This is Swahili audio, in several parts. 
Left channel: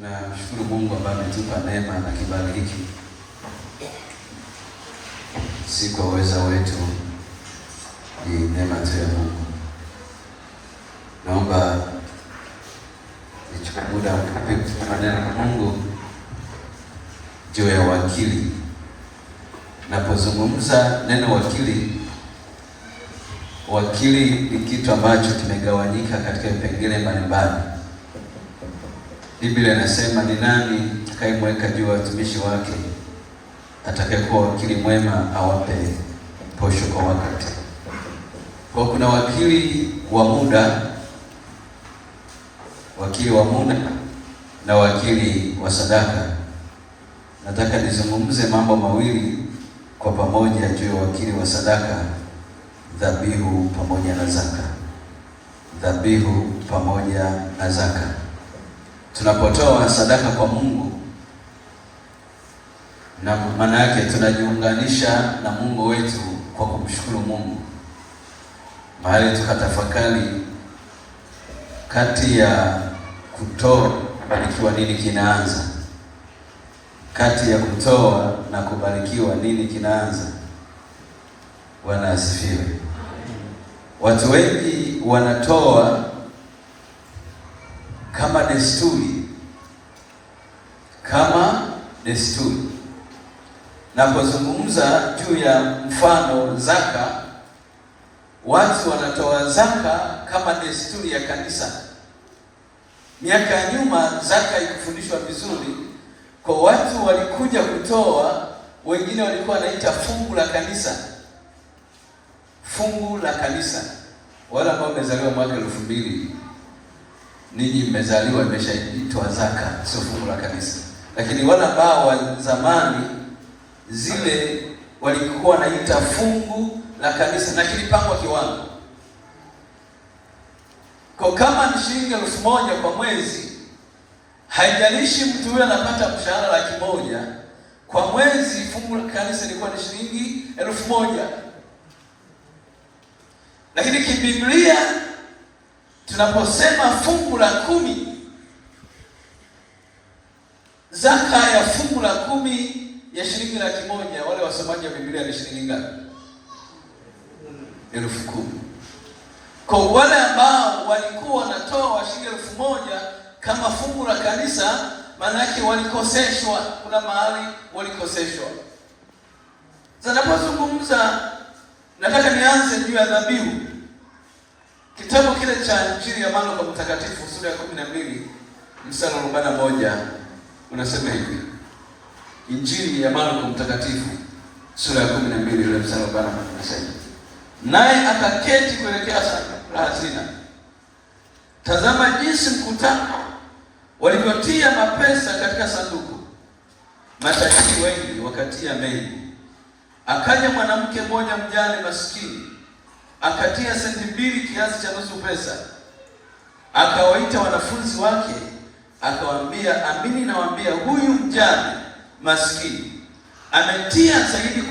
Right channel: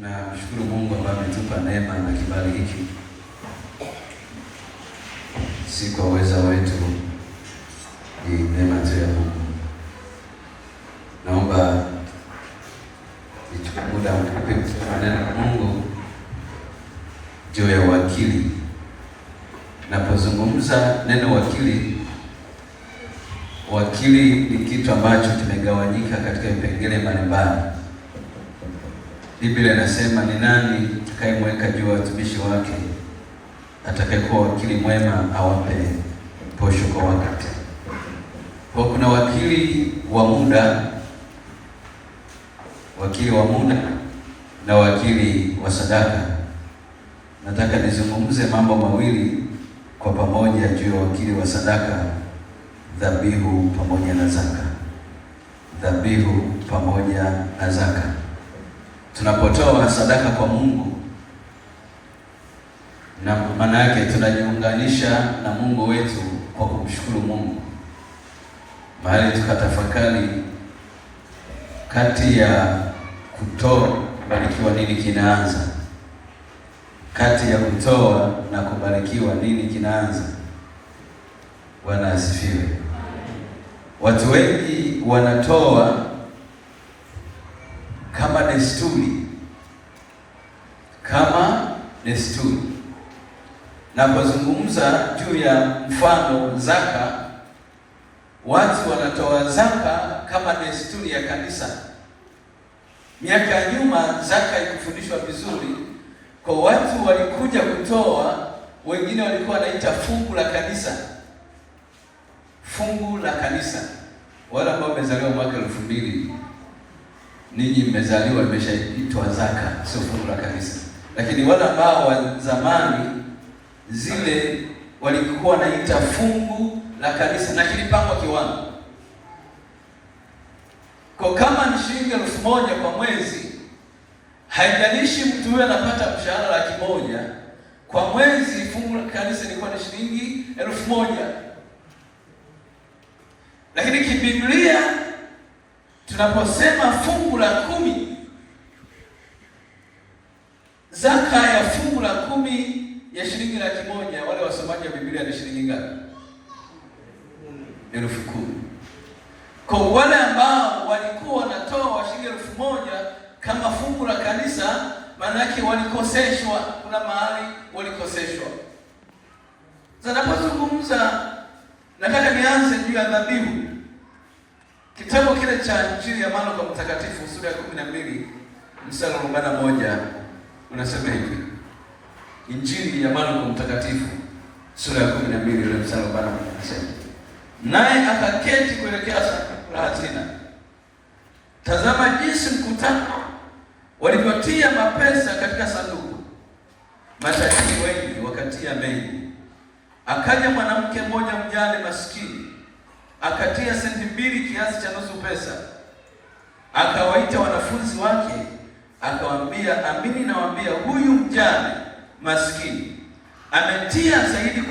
Tunamshukuru Mungu ambaye ametupa neema na kibali hiki, si kwa uwezo wetu, ni neema tu ya Mungu. Naomba nichukue muda mfupi kusema neno la Mungu juu ya wakili. Napozungumza neno wakili, wakili ni kitu ambacho kimegawanyika katika vipengele mbalimbali. Biblia inasema ni nani atakayemweka juu ya watumishi wake, atakayekuwa wakili mwema awape posho kwa wakati. Kwa kuna wakili wa muda, na wakili wa sadaka. Nataka nizungumze mambo mawili kwa pamoja juu ya wakili wa sadaka, dhabihu pamoja na zaka. Dhabihu pamoja na zaka. Tunapotoa sadaka kwa Mungu, na maana yake tunajiunganisha na Mungu wetu kwa kumshukuru Mungu. Mahali tukatafakari kati ya kutoa kubarikiwa nini kinaanza? Kati ya kutoa na kubarikiwa nini kinaanza? Bwana asifiwe. Watu wengi wanatoa kama desturi. Napozungumza juu ya mfano zaka, watu wanatoa zaka kama desturi ya kanisa. Miaka ya nyuma zaka ikufundishwa vizuri, kwa watu walikuja kutoa, wengine walikuwa wanaita fungu la kanisa. Fungu la kanisa. Wala ambao wamezaliwa mwaka 2000, ninyi mmezaliwa imeshaitwa zaka, sio fungu la kanisa. Lakini wale ambao wa zamani zile walikuwa wanaita fungu la kanisa, na kilipangwa kiwango. Kwa kama ni shilingi 1000 kwa mwezi, haijalishi mtu huyo anapata mshahara 100,000 kwa mwezi, fungu la kanisa lilikuwa ni shilingi 1000. Lakini kibiblia tunaposema fungu la 10, zaka ya fungu la 10 ya shilingi 100,000, wale wasomaji wa Biblia ni shilingi ngapi? 10,000. Kwa wale ambao walikuwa wanatoa shilingi 1000 kama fungu la kanisa, maana yake walikoseshwa, kuna mahali walikoseshwa. Sasa napozungumza, nataka nianze juu ya dhabihu. Kitabu kile cha Injili ya Marko Mtakatifu sura ya 12 mstari wa 41 unasema hivi. Injili ya Marko Mtakatifu sura ya 12 ile mstari wa 41 unasema, naye akaketi kuelekea sanduku la hazina. Tazama jinsi mkutano walivyotia mapesa katika sanduku, matajiri wengi wakatia mengi. Akaja mwanamke mmoja mjane maskini, akatia senti 2 kiasi cha nusu pesa. Akawaita wanafunzi wake, akawaambia, amini nawaambia, huyu mjane maskini ametia zaidi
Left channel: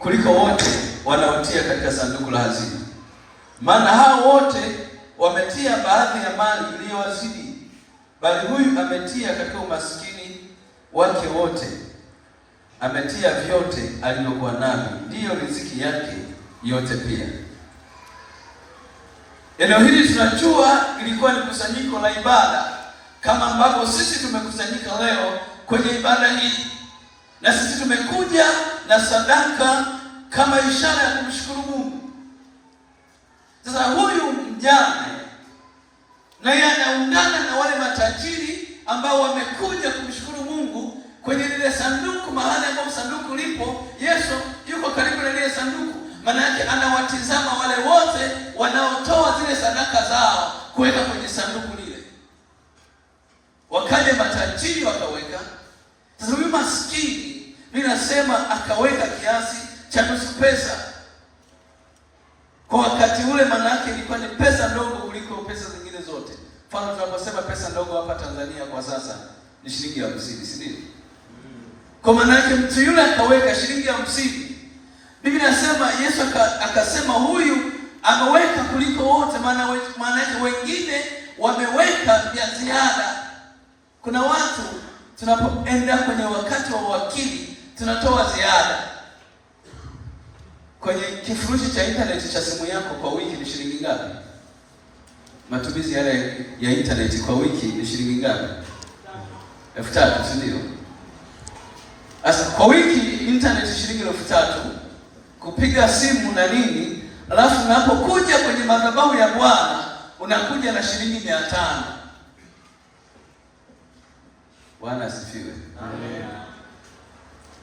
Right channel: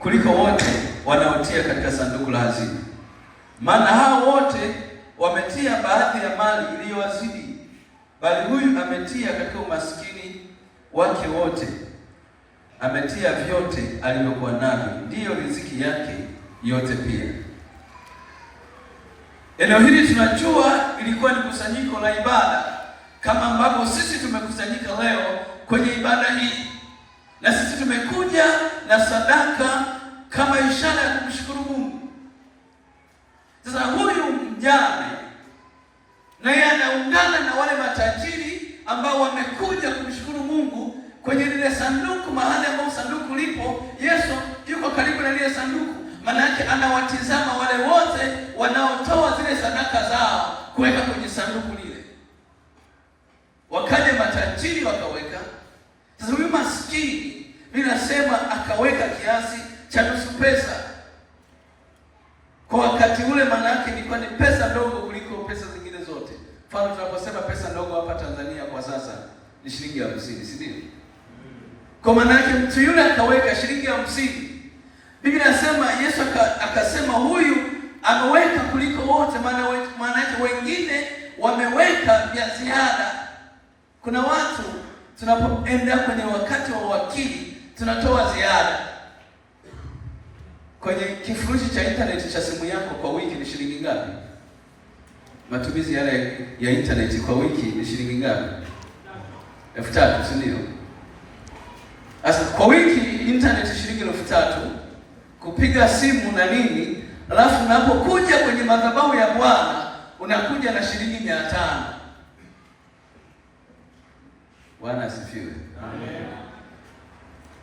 kuliko wote wanaotia katika sanduku la hazina. Maana hao wote wametia baadhi ya mali iliyowazidi, bali huyu ametia katika umaskini wake wote. Ametia vyote alivyokuwa navyo, ndiyo riziki yake yote pia. Eneo hili tunajua ilikuwa ni kusanyiko la ibada, kama ambavyo sisi tumekusanyika leo kwenye ibada hii, na sisi tumekuja na sadaka kama ishara ya kumshukuru Mungu. Sasa huyu mjane naye anaungana na wale matajiri ambao wamekuja kumshukuru Mungu kwenye lile sanduku, mahali ambapo sanduku lipo. Yesu yuko karibu na lile sanduku, maana yake anawatizama wale wote wanaotoa zile sadaka zao kuweka kwenye sanduku lile. Wakaja matajiri wakaweka. Sasa huyu maskini, ninasema akaweka kiasi cha nusu pesa. Kwa wakati ule maana yake ilikuwa ni pesa ndogo kuliko pesa zingine zote. Mfano tunaposema pesa ndogo hapa Tanzania kwa sasa ni shilingi 50, si ndio? Kwa maana yake mtu yule akaweka shilingi 50. Biblia inasema Yesu akasema huyu ameweka kuliko wote, maana yake wengine wameweka vya ziada. Kuna watu tunapoenda kwenye wakati wa uwakili tunatoa ziada. Kwenye kifurushi cha internet cha simu yako kwa wiki ni shilingi ngapi? Matumizi yale ya internet kwa wiki ni shilingi ngapi? 3,000, si ndio? Sasa kwa wiki internet shilingi 3,000, kupiga simu na nini, alafu unapokuja kwenye madhabahu ya Bwana unakuja na shilingi 500. Bwana asifiwe. Amen.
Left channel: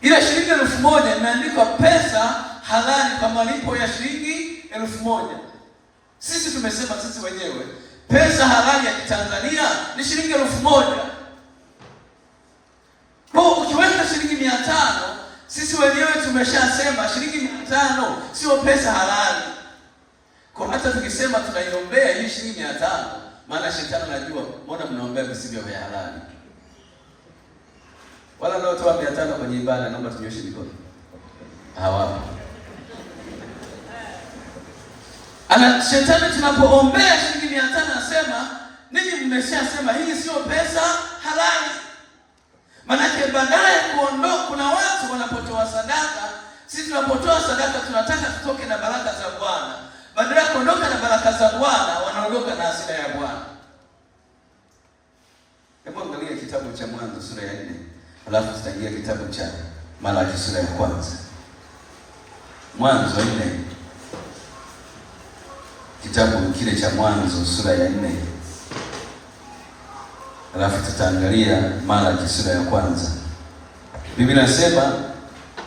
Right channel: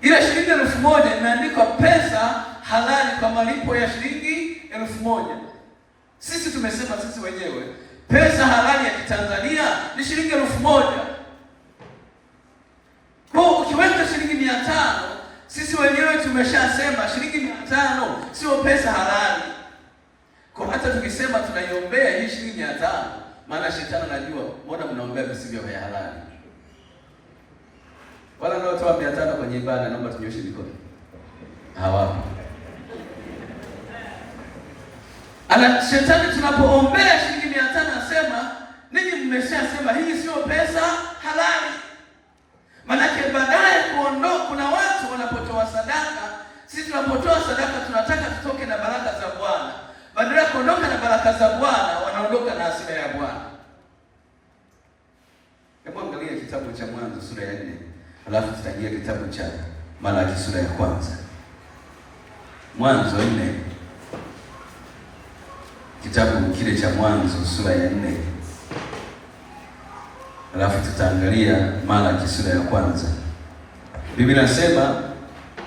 Ile shilingi 1,000 imeandikwa pesa halali kwa malipo ya shilingi 1,000. Sisi tumesema sisi wenyewe pesa halali ya Kitanzania ni shilingi 1,000. Kwa ukiweka shilingi 500, sisi wenyewe tumeshasema shilingi 500 sio pesa halali. Kwa hata tukisema tunaiombea hii shilingi 500, maana shetani anajua mbona mnaombea visivyo vya halali. Wala ndio toa 500 kwenye ibada, naomba tunyoshe mikono. Hawapo. Ana shetani tunapoombea shilingi 500 anasema, ninyi mmeshasema hii sio pesa halali. Manake baadaye kuondoka, kuna watu wanapotoa sadaka, sisi tunapotoa sadaka tunataka tutoke na baraka za Bwana. Badala ya kuondoka na baraka za Bwana, wanaondoka na hasira ya Bwana. Hebu angalia kitabu cha Mwanzo sura ya 4. Alafu tutaingia kitabu cha Malaki sura ya 1. Mwanzo 4. Kitabu kile cha Mwanzo sura ya 4. Alafu tutaangalia Malaki sura ya 1. Biblia inasema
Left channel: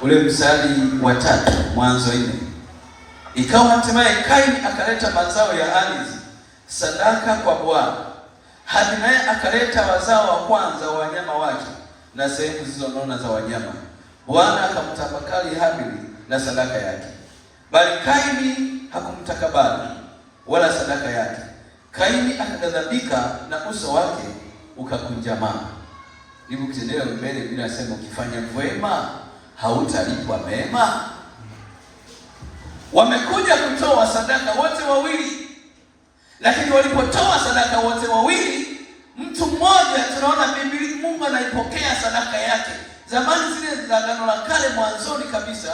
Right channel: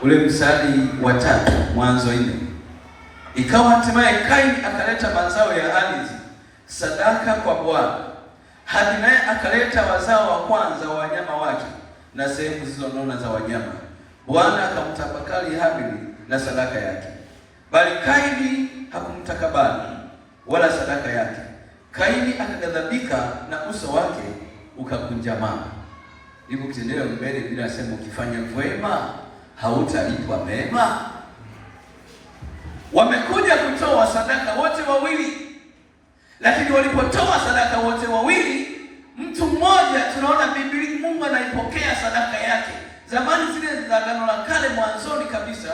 ule mstari wa 3, Mwanzo 4. Ikawa hatimaye Kaini akaleta mazao ya ardhi sadaka kwa Bwana. Hadi naye akaleta wazao wa kwanza wa wanyama wake na sehemu zilizonona za wanyama. Bwana akamtafakari Habili na sadaka yake, bali Kaini hakumtakabali wala sadaka yake. Kaini akaghadhabika na uso wake ukakunjamaa. Hivyo kitendea mbele bila sema, ukifanya wema hautalipwa mema. Wamekuja kutoa sadaka wote wawili, lakini walipotoa sadaka wote wawili, mtu mmoja tunaona Biblia Mungu anaipokea sadaka yake. Zamani zile za Agano la Kale, mwanzoni kabisa,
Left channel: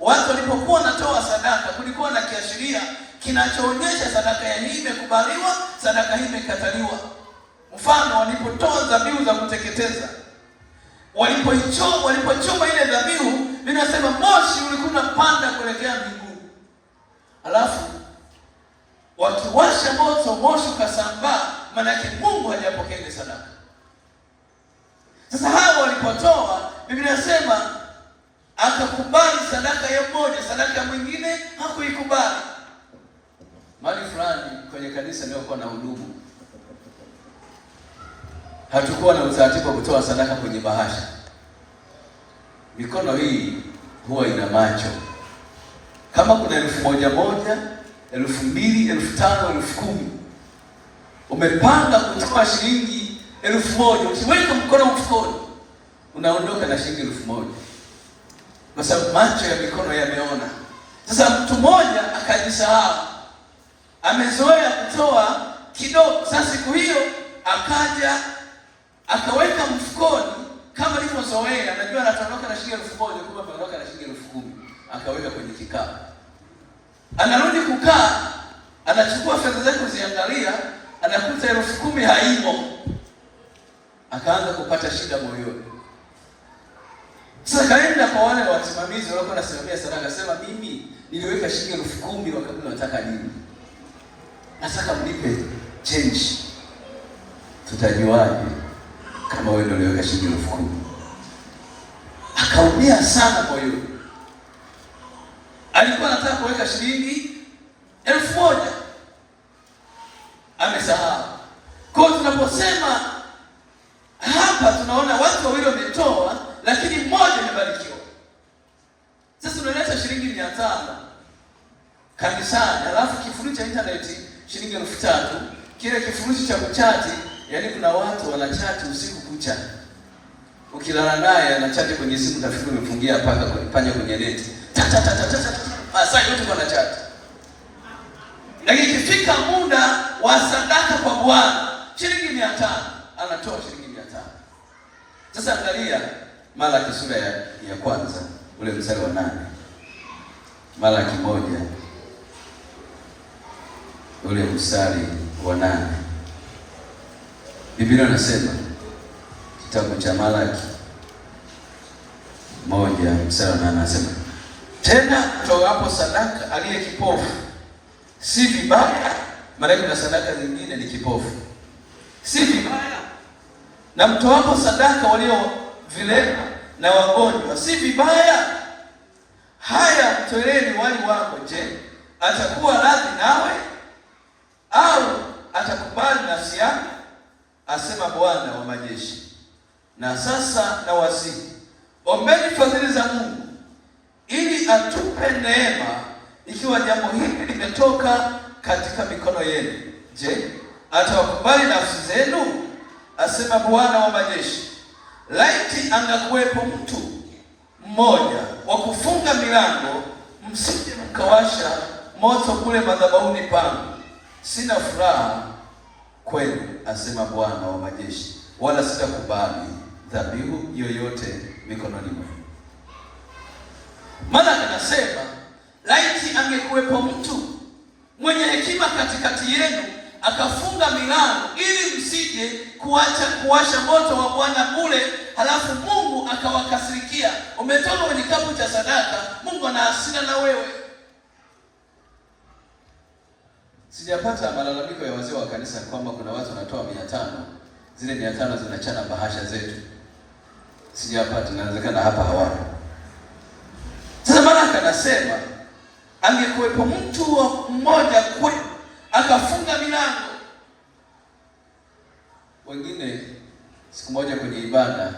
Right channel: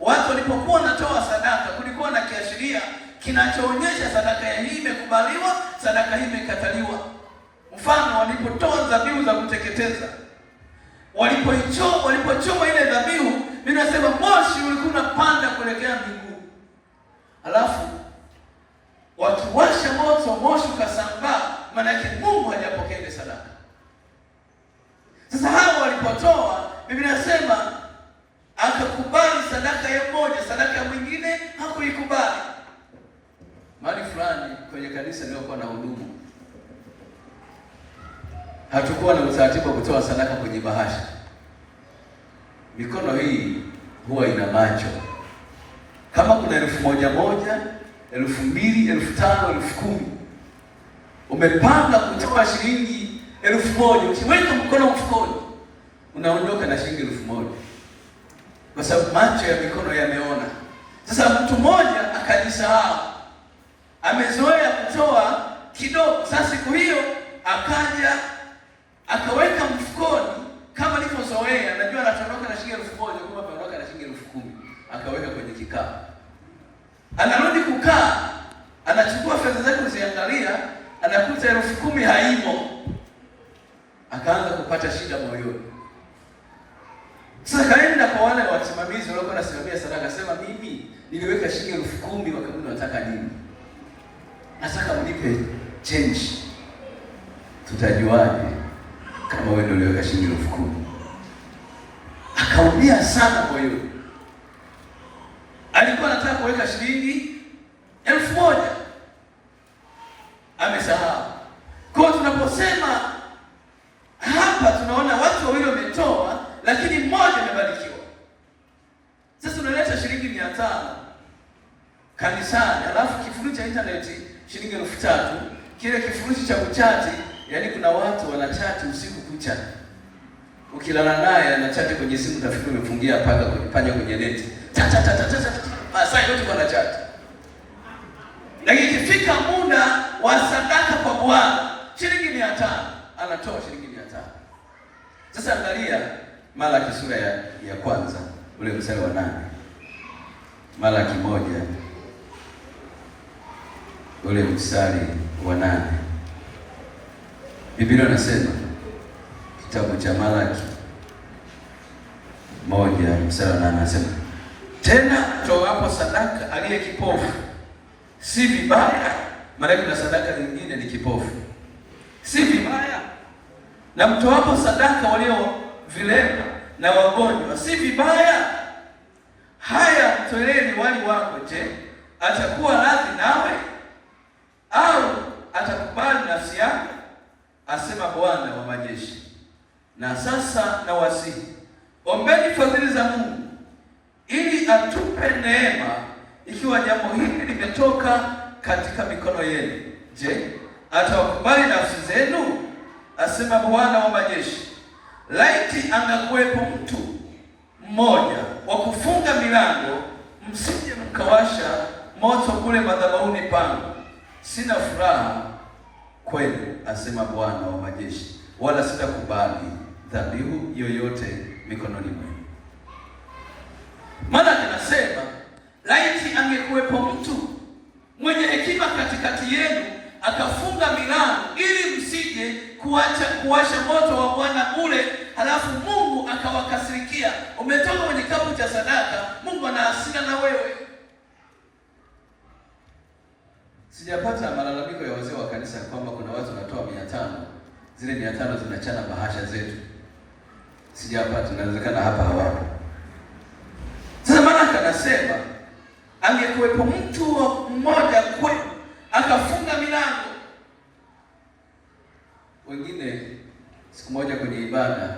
watu walipokuwa wanatoa sadaka, kulikuwa na kiashiria kinachoonyesha sadaka ya hii imekubaliwa, sadaka hii imekataliwa. Mfano, walipotoa dhabihu za kuteketeza, walipochoma ile dhabihu, linasema moshi ulikuwa unapanda kuelekea mbinguni. Alafu wakiwasha moto, moshi ukasambaa, maana yake Mungu hajapokea ile sadaka. Sasa hao walipotoa, Biblia inasema akakubali sadaka ya mmoja, sadaka ya mwingine hakuikubali. Mahali fulani kwenye kanisa nilikuwa na hudumu, hatakuwa na utaratibu wa kutoa sadaka kwenye bahasha. Mikono hii huwa ina macho. Kama kuna 1,000, 2,000, 5,000, 10,000, umepanga kutoa shilingi 1,000, ukiweka mkono mfukoni unaondoka na shilingi 1,000, kwa sababu macho ya mikono yameona. Sasa mtu mmoja akajisahau, amezoea kutoa kidogo. Sasa siku hiyo akaja akaweka mfukoni kama alivyozoea, anajua anatoka na shilingi 1,000, kumbe anaondoka na shilingi 10,000, akaweka kwenye kikapu. Anarudi kukaa, anachukua fedha zake kuziangalia, anakuta 10,000 haimo. Akaanza kupata shida moyoni. Sasa kaenda kwa wale wasimamizi waliokuwa wanasimamia sadaka, akasema, mimi niliweka shilingi 10,000, wakaambia nataka nini? Nataka mnipe change. Tutajuaje kama wewe ndio uliweka shilingi 10,000? Akaumia sana moyoni. Alikuwa anataka kuweka shilingi 1,000, amesahau. Kwa hiyo tunaposema hapa, tunaona watu wawili wametoa, lakini mmoja amebarikiwa. Sasa unaleta shilingi 500 kanisani, alafu kifurushi cha internet shilingi 3,000, kile kifurushi cha kuchati, yaani kuna watu wanachati usiku kucha. Ukilala naye anachati kwenye simu, tafikiri umefungia panya kwenye neti. Masaa yote wanachati. Lakini ikifika muda wa sadaka kwa Bwana, shilingi 500, anatoa shilingi 500. Sasa angalia Malaki sura ya kwanza ule mstari wa 8. Malaki 1 ule mstari wa 8. Biblia inasema, kitabu cha Malaki 1 mstari wa 8 anasema, tena toapo sadaka aliye kipofu si vibaya. Maana kuna sadaka nyingine ni kipofu, si vibaya. Na mtoapo sadaka walio vilema na wagonjwa si vibaya. Haya, mtoleeni wali wako. Je, atakuwa radhi nawe au atakubali nafsi yake? Asema Bwana wa majeshi. Na sasa na wasihi, ombeni fadhili za Mungu ili atupe neema, ikiwa jambo hili limetoka katika mikono yenu. Je, atawakubali nafsi zenu? Asema Bwana wa majeshi. Laiti angakuwepo mtu mmoja wa kufunga milango, msije mkawasha moto kule madhabahuni pangu. Sina furaha kwenu, asema Bwana wa majeshi, wala sitakubali dhabihu yoyote mikononi mwenu. Maana anasema laiti angekuwepo mtu mwenye hekima katikati yenu, akafunga milango ili msije kuwasha moto wa Bwana kule, halafu Mungu akawakasirikia. Umetoka kwenye kikapu cha sadaka, Mungu ana hasira na wewe. Sijapata malalamiko ya wazee wa kanisa kwamba kuna watu wanatoa 500, zile 500 zinachana bahasha zetu. Sijapata, inawezekana hapa hawapo. Sasa Malaki anasema angekuwepo mtu mmoja kwenu akafunga milango. Wengine siku moja kwenye ibada,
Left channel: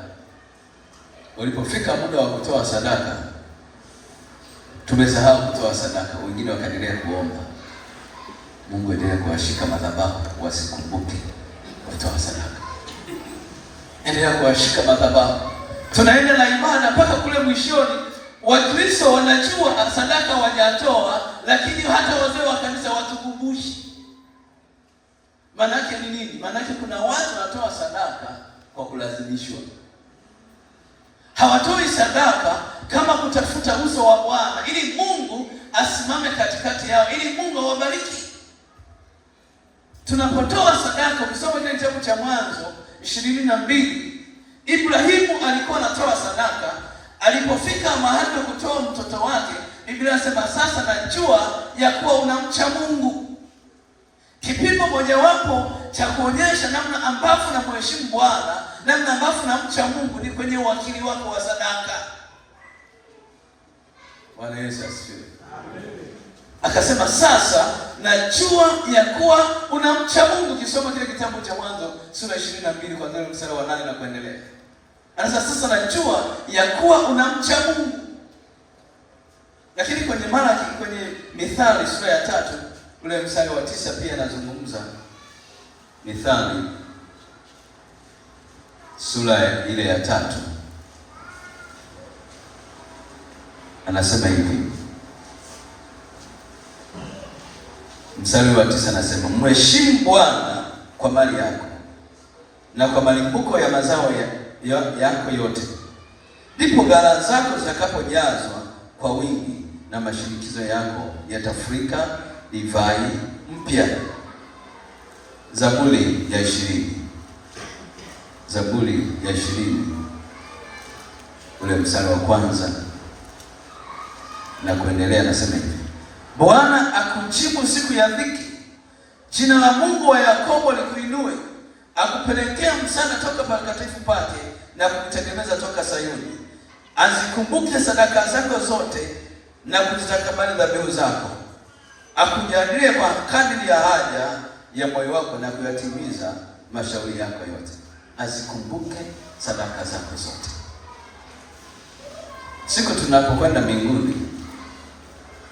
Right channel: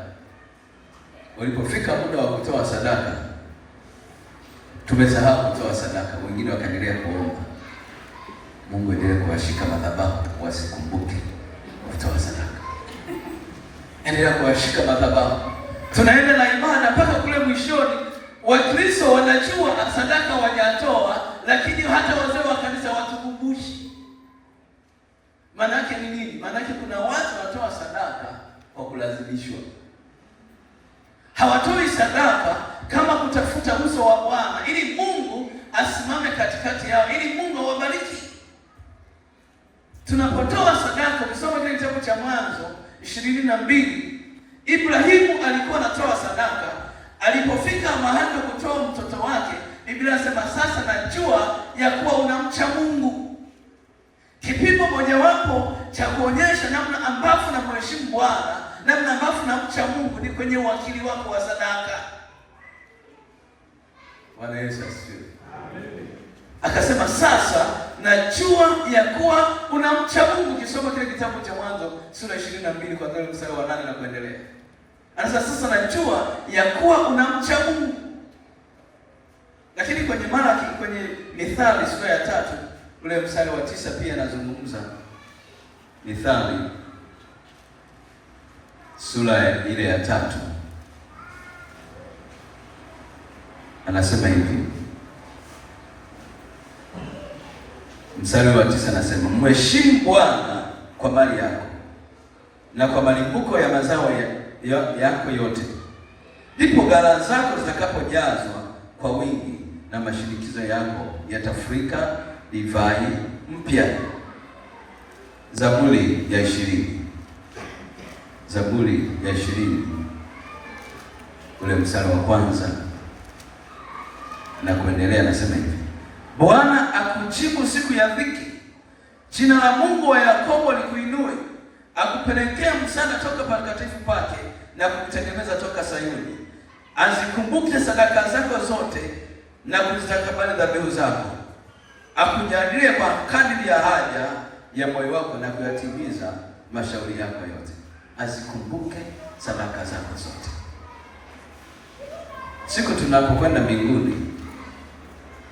walipofika muda wa kutoa sadaka, tumesahau kutoa sadaka. Wengine wakaendelea kuomba Mungu endelee kuwashika madhabahu wasikumbuke kutoa sadaka. Endelea kuwashika madhabahu. Tunaenda na ibada mpaka kule mwishoni, Wakristo wanajua sadaka wajatoa, lakini hata wazee wa kanisa watukumbushi. Manake ni nini? Manake kuna watu wanatoa sadaka kwa kulazimishwa. Hawatoi sadaka kama kutafuta uso wa Bwana, ili Mungu asimame katikati yao, ili Mungu awabariki. Tunapotoa sadaka, ukisoma kile kitabu cha Mwanzo 22, Ibrahimu alikuwa anatoa sadaka. Alipofika mahali pa kutoa mtoto wake, Biblia inasema sasa najua ya kuwa unamcha Mungu. Kipimo mojawapo cha kuonyesha namna ambavyo unamheshimu Bwana, namna ambavyo unamcha Mungu, ni kwenye uwakili wako wa sadaka. Bwana Yesu asifiwe. Akasema sasa najua ya kuwa unamcha Mungu. Kisoma kile kitabu cha Mwanzo sura 22 kuanzia mstari wa 8 na kuendelea. Anasema sasa najua ya kuwa unamcha Mungu. Lakini kwenye Malaki, kwenye Mithali sura ya 3 ule mstari wa 9 pia anazungumza. Mithali sura ile ya 3 anasema hivi, mstari wa 9 anasema, mheshimu Bwana kwa mali yako na kwa malimbuko ya mazao yako yote, ndipo ghala zako zitakapojazwa kwa wingi na mashinikizo yako yatafurika divai mpya. Zaburi ya 20, Zaburi ya 20 ule mstari wa 1 na kuendelea, anasema hivi, Bwana akujibu siku ya dhiki, jina la Mungu wa Yakobo likuinue, akupelekea msaada toka patakatifu pake na kukutengeneza toka Sayuni. Azikumbuke sadaka zako zote na kuzitakabali dhabihu zako. Akujalie kwa kadiri ya haja ya moyo wako na kuyatimiza mashauri yako yote. Azikumbuke sadaka zako zote. Siku tunapokwenda mbinguni,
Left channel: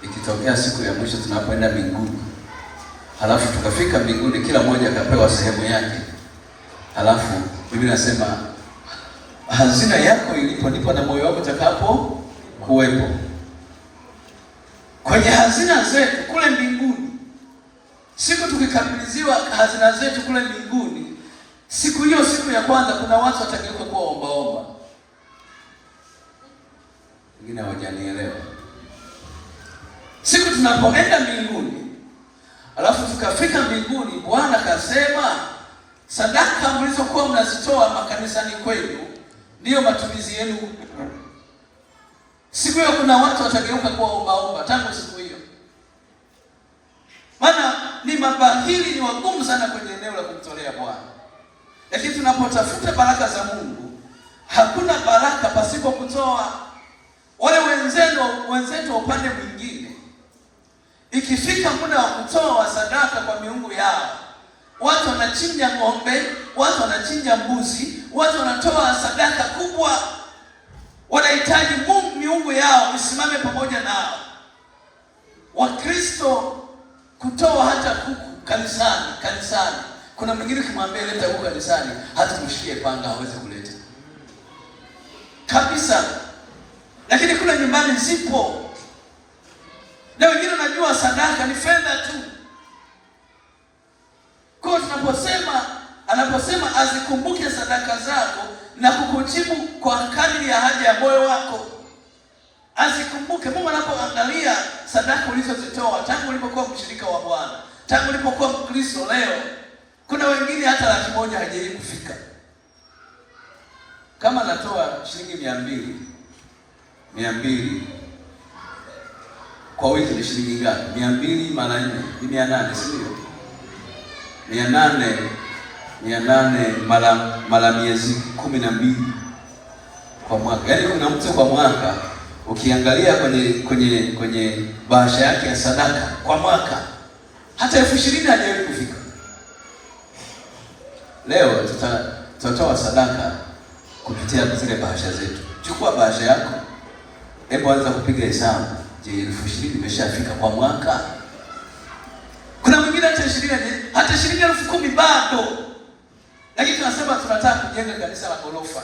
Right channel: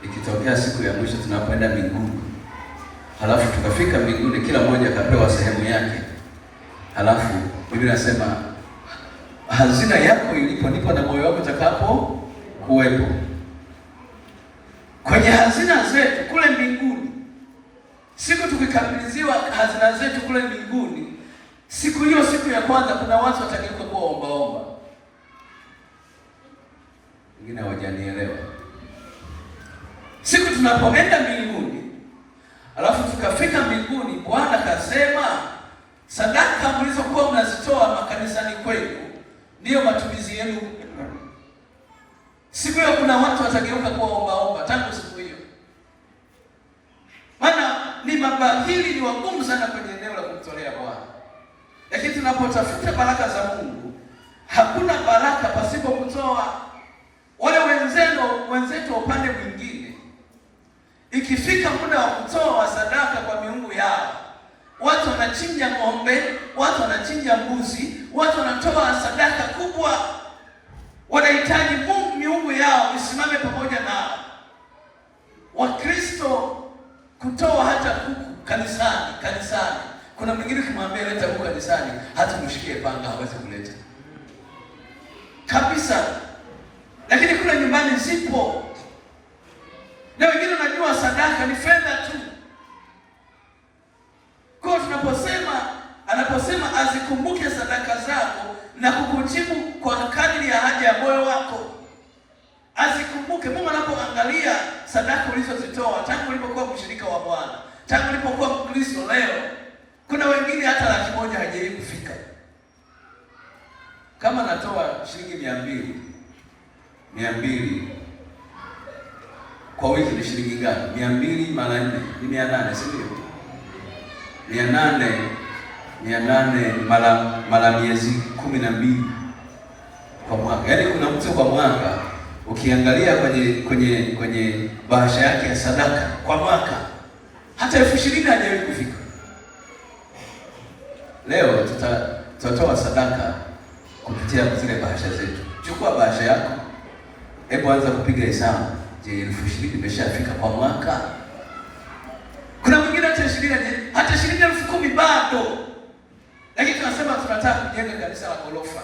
ikitokea siku ya mwisho tunapoenda mbinguni, halafu tukafika mbinguni, kila mmoja akapewa sehemu yake. Halafu Biblia inasema hazina yako ilipo ndipo na moyo wako utakapo kuwepo. Kwenye hazina zetu kule mbinguni, siku tukikabidhiwa hazina zetu kule mbinguni, Siku hiyo, siku ya kwanza, kuna watu watageuka kuwa ombaomba. Wengine hawajanielewa. Siku tunapoenda mbinguni, alafu tukafika mbinguni, Bwana kasema sadaka mlizokuwa mnazitoa makanisani kwenu ndiyo matumizi yenu. Siku hiyo kuna watu watageuka kuwa ombaomba tangu siku hiyo. Maana ni mabahili, ni wagumu sana kwenye eneo la kumtolea Bwana. Lakini tunapotafuta baraka za Mungu, hakuna baraka pasipo kutoa. Wale wenzetu wa upande mwingine, ikifika muda wa kutoa sadaka kwa miungu yao, watu wanachinja ng'ombe, watu wanachinja mbuzi, watu wanatoa sadaka kubwa. Wanahitaji miungu yao isimame pamoja nao. Wakristo kutoa hata kuku kanisani. Kuna mwingine kimwambia leta kuku kanisani, hata kumshikie panga hawezi kuleta kabisa. Lakini kule nyumbani zipo. Na wengine wanajua sadaka ni fedha tu. Kwa anaposema azikumbuke sadaka zako na kukujibu kwa kadri ya haja ya moyo wako. Azikumbuke. Mungu anapoangalia sadaka ulizozitoa tangu ulipokuwa mshirika wa Bwana, tangu ulipokuwa Mkristo leo, kuna wengine hata 100,000 hajawahi kufika. Kama natoa shilingi 200 kwa wiki ni shilingi ngapi? 200 mara 4 ni 800, si ndio? 800 mara miezi 12 kwa mwaka. Yaani kuna mtu kwa mwaka ukiangalia kwenye bahasha yake ya sadaka kwa mwaka hata 20,000 hajawahi kufika. Leo tutatoa sadaka kupitia zile bahasha zetu. Chukua bahasha yako, hebu anza kupiga hesabu. Je, 20,000 imeshafika kwa mwaka? Kuna mwingine hata 20,000, hata shilingi 10,000 bado. Lakini tunasema tunataka kujenga kanisa la ghorofa.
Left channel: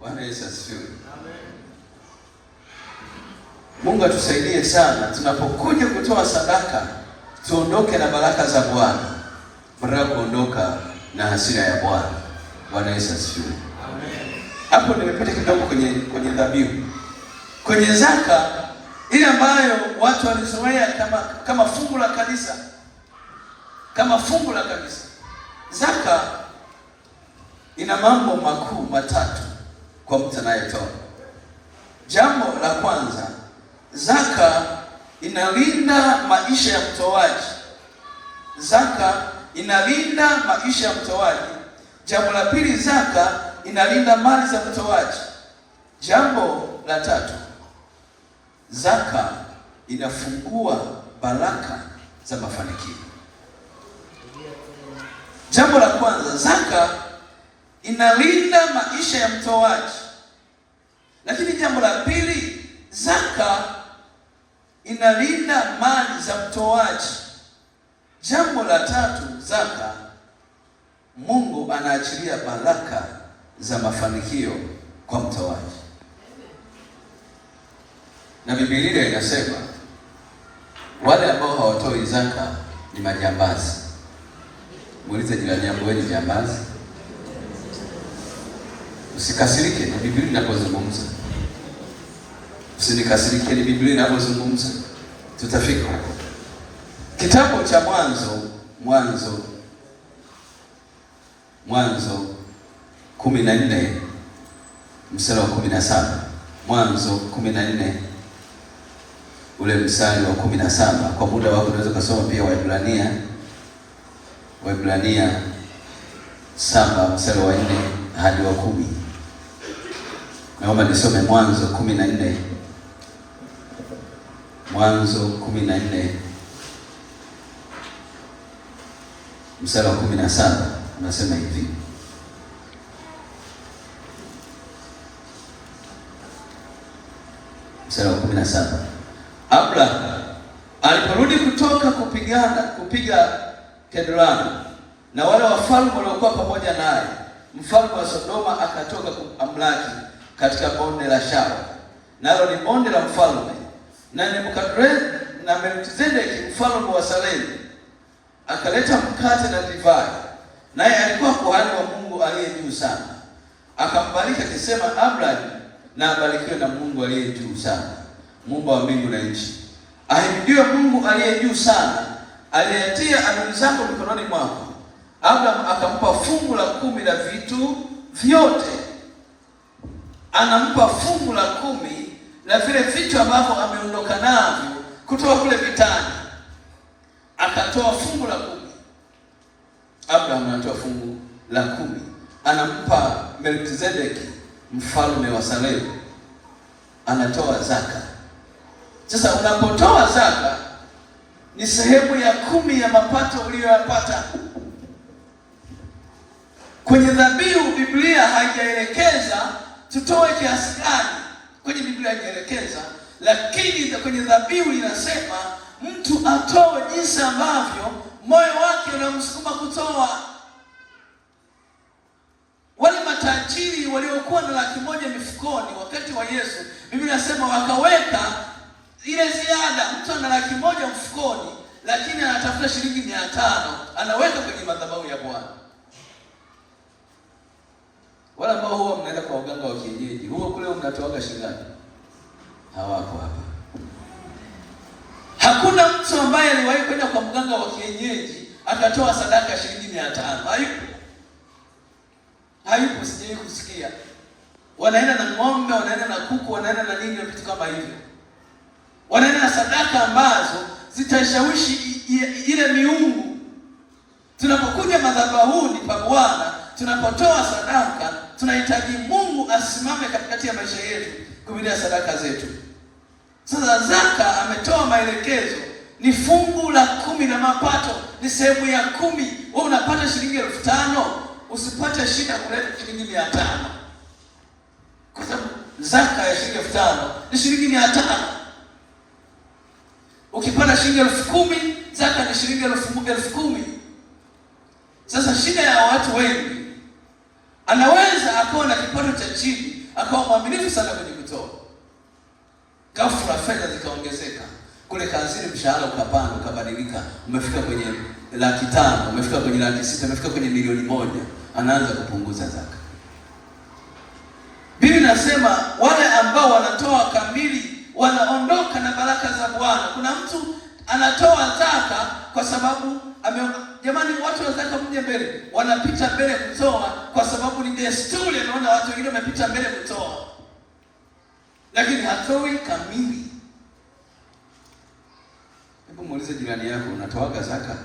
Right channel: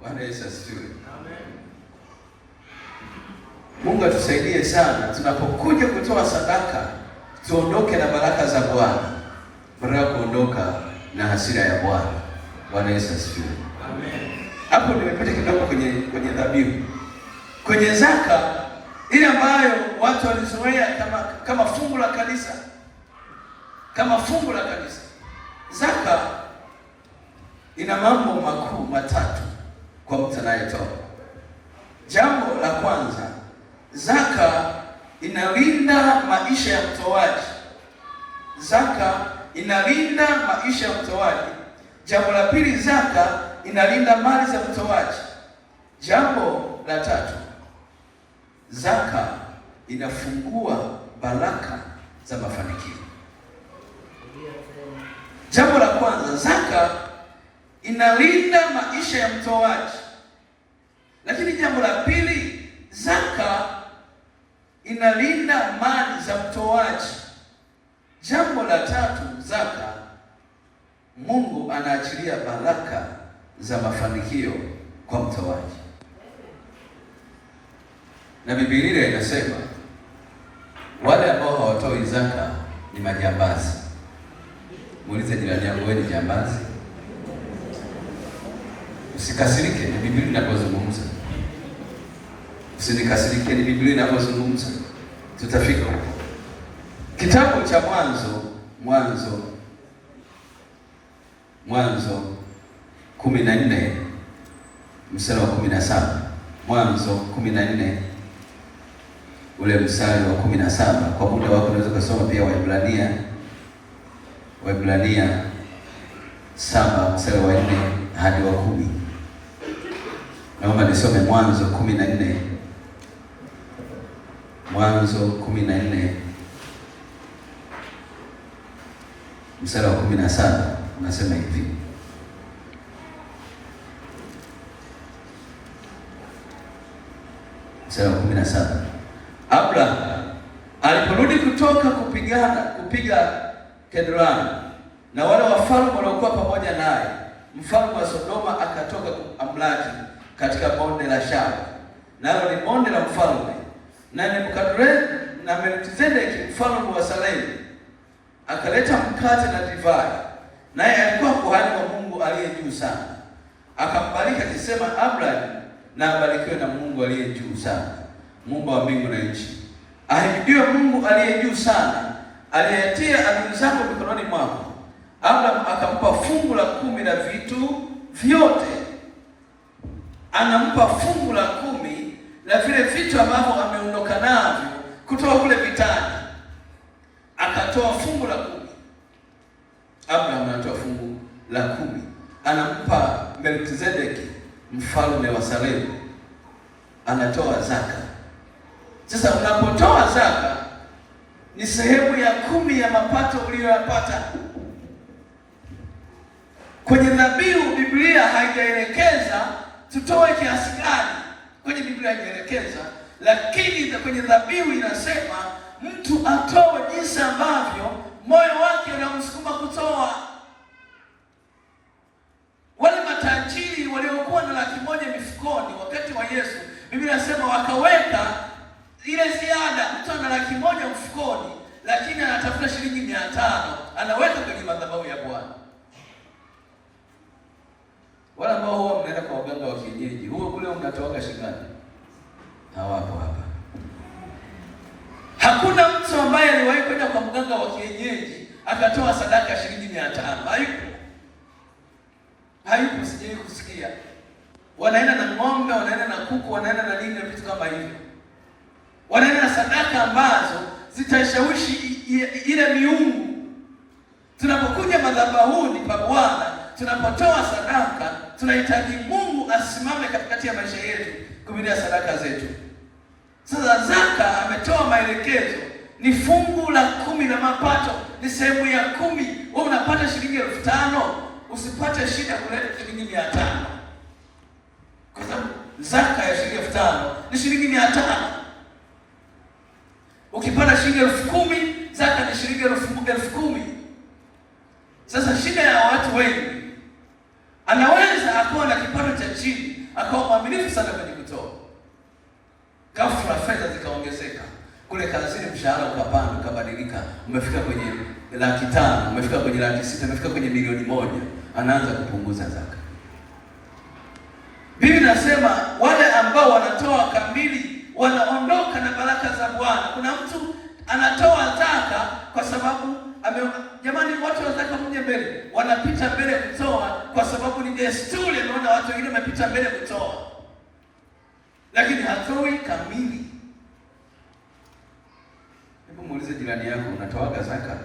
Bwana Yesu asifiwe. Amen. Mungu atusaidie sana tunapokuja kutoa sadaka, tuondoke na baraka za Bwana, badala kuondoka na hasira ya Bwana. Bwana Yesu asifiwe. Amen. Hapo nimepita kidogo kwenye dhabihu. Kwenye zaka ile ambayo watu walizoea kama fungu la kanisa. Kama fungu la kanisa. Zaka ina mambo makuu matatu kwa mtu anayetoa. Jambo la kwanza, zaka inalinda maisha ya mtoaji. Zaka inalinda maisha ya mtoaji. Jambo la pili, zaka inalinda mali za mtoaji. Jambo la tatu, zaka inafungua baraka za mafanikio. Jambo la kwanza, zaka inalinda maisha ya mtoaji. Lakini jambo la pili, zaka inalinda mali za mtoaji. Jambo la tatu, zaka, Mungu anaachilia baraka za mafanikio kwa mtoaji. Na Biblia inasema wale ambao hawatoi zaka ni majambazi. Muulize jirani yako, wewe ni jambazi? Usikasirike, ni Biblia inapozungumza. Usinikasirike, ni Biblia inapozungumza. Tutafika huko. Kitabu cha Mwanzo 14 mstari wa 17. Mwanzo 14 ule mstari wa 17. Kwa muda wako unaweza kusoma pia Waebrania 7 mstari wa 4 hadi wa 10. Naomba nisome Mwanzo 14. Mwanzo 14 mstari wa 17 unasema hivi. Mstari wa 17. Abraham aliporudi kutoka kupiga Kedroni na wale wafalme waliokuwa pamoja naye, mfalme wa Sodoma akatoka kumlaki katika bonde la Shaba, nalo ni bonde la mfalme, na Nebukadreza na Melkizedeki mfalme wa Salemu akaleta mkate na divai, naye alikuwa kuhani wa Mungu aliye juu sana. Akambariki akisema, Abraham na abarikiwe na Mungu aliye juu sana, Mungu wa mbingu na nchi. Ahimidiwe Mungu aliye juu sana, aliyetia adui zako mikononi mwako. Abraham akampa fungu la 10 la vitu vyote. Anampa fungu la 10 la vile vitu ambavyo ameondoka navyo kutoka kule vitani. Akatoa fungu la 10. Abraham anatoa fungu la 10. Anampa Melkizedeki mfalme wa Salemu, anatoa zaka. Sasa unapotoa zaka ni sehemu ya 10 ya mapato uliyoyapata. Kwenye dhabihu Biblia haijaelekeza tutoe kiasi gani, kwenye Biblia haijaelekeza, lakini kwenye dhabihu inasema mtu atoe jinsi ambavyo moyo wake unamsukuma kutoa. Wale matajiri waliokuwa na 100,000 mifukoni wakati wa Yesu, Biblia inasema wakaweka ile ziada. Mtu ana 100,000 mfukoni, lakini anatafuta shilingi 500 anaweka kwenye madhabahu ya Bwana. Wala ambao huwa mnaenda kwa waganga wa kienyeji, huo kule mnatoaga shilingi hawako hapa. Hakuna mtu ambaye aliwahi kwenda kwa mganga wa kienyeji akatoa sadaka shilingi 500. Hayupo, sijawahi kusikia. Wanaenda na ng'ombe, wanaenda na kuku, wanaenda na nini, vitu kama hivyo. Wanaenda na sadaka ambazo zitashawishi ile miungu. Tunapokuja madhabahuni pa Bwana, tunapotoa sadaka, tunahitaji Mungu asimame katikati ya maisha yetu kupitia sadaka zetu. Sasa zaka ametoa maelekezo, ni fungu la 10 la mapato, ni sehemu ya 10. Wewe unapata shilingi 5,000, usipate shida kuleta shilingi 500. Kwa sababu zaka ya shilingi 5,000 ni shilingi 500. Ukipata shilingi 10,000, zaka ni shilingi 10,000. Sasa shida ya watu wengi, anaweza akawa na kipato cha chini, akawa mwaminifu sana kwenye kutoa. Ghafla fedha zikaongezeka. Kule kazini mshahara ukapanda, ukabadilika. Umefika kwenye 500,000, umefika kwenye 600,000, umefika kwenye 1,000,000, anaanza kupunguza zaka. Biblia inasema wale ambao wanatoa kamili wanaondoka na baraka za Bwana. Kuna mtu anatoa zaka kwa sababu jamani, watu wa zaka mje mbele, wanapita mbele kutoa kwa sababu ni desturi. Anaona watu wengine wamepita mbele kutoa, lakini hatoi kamili. Hebu muulize jirani yako, unatoaga zaka?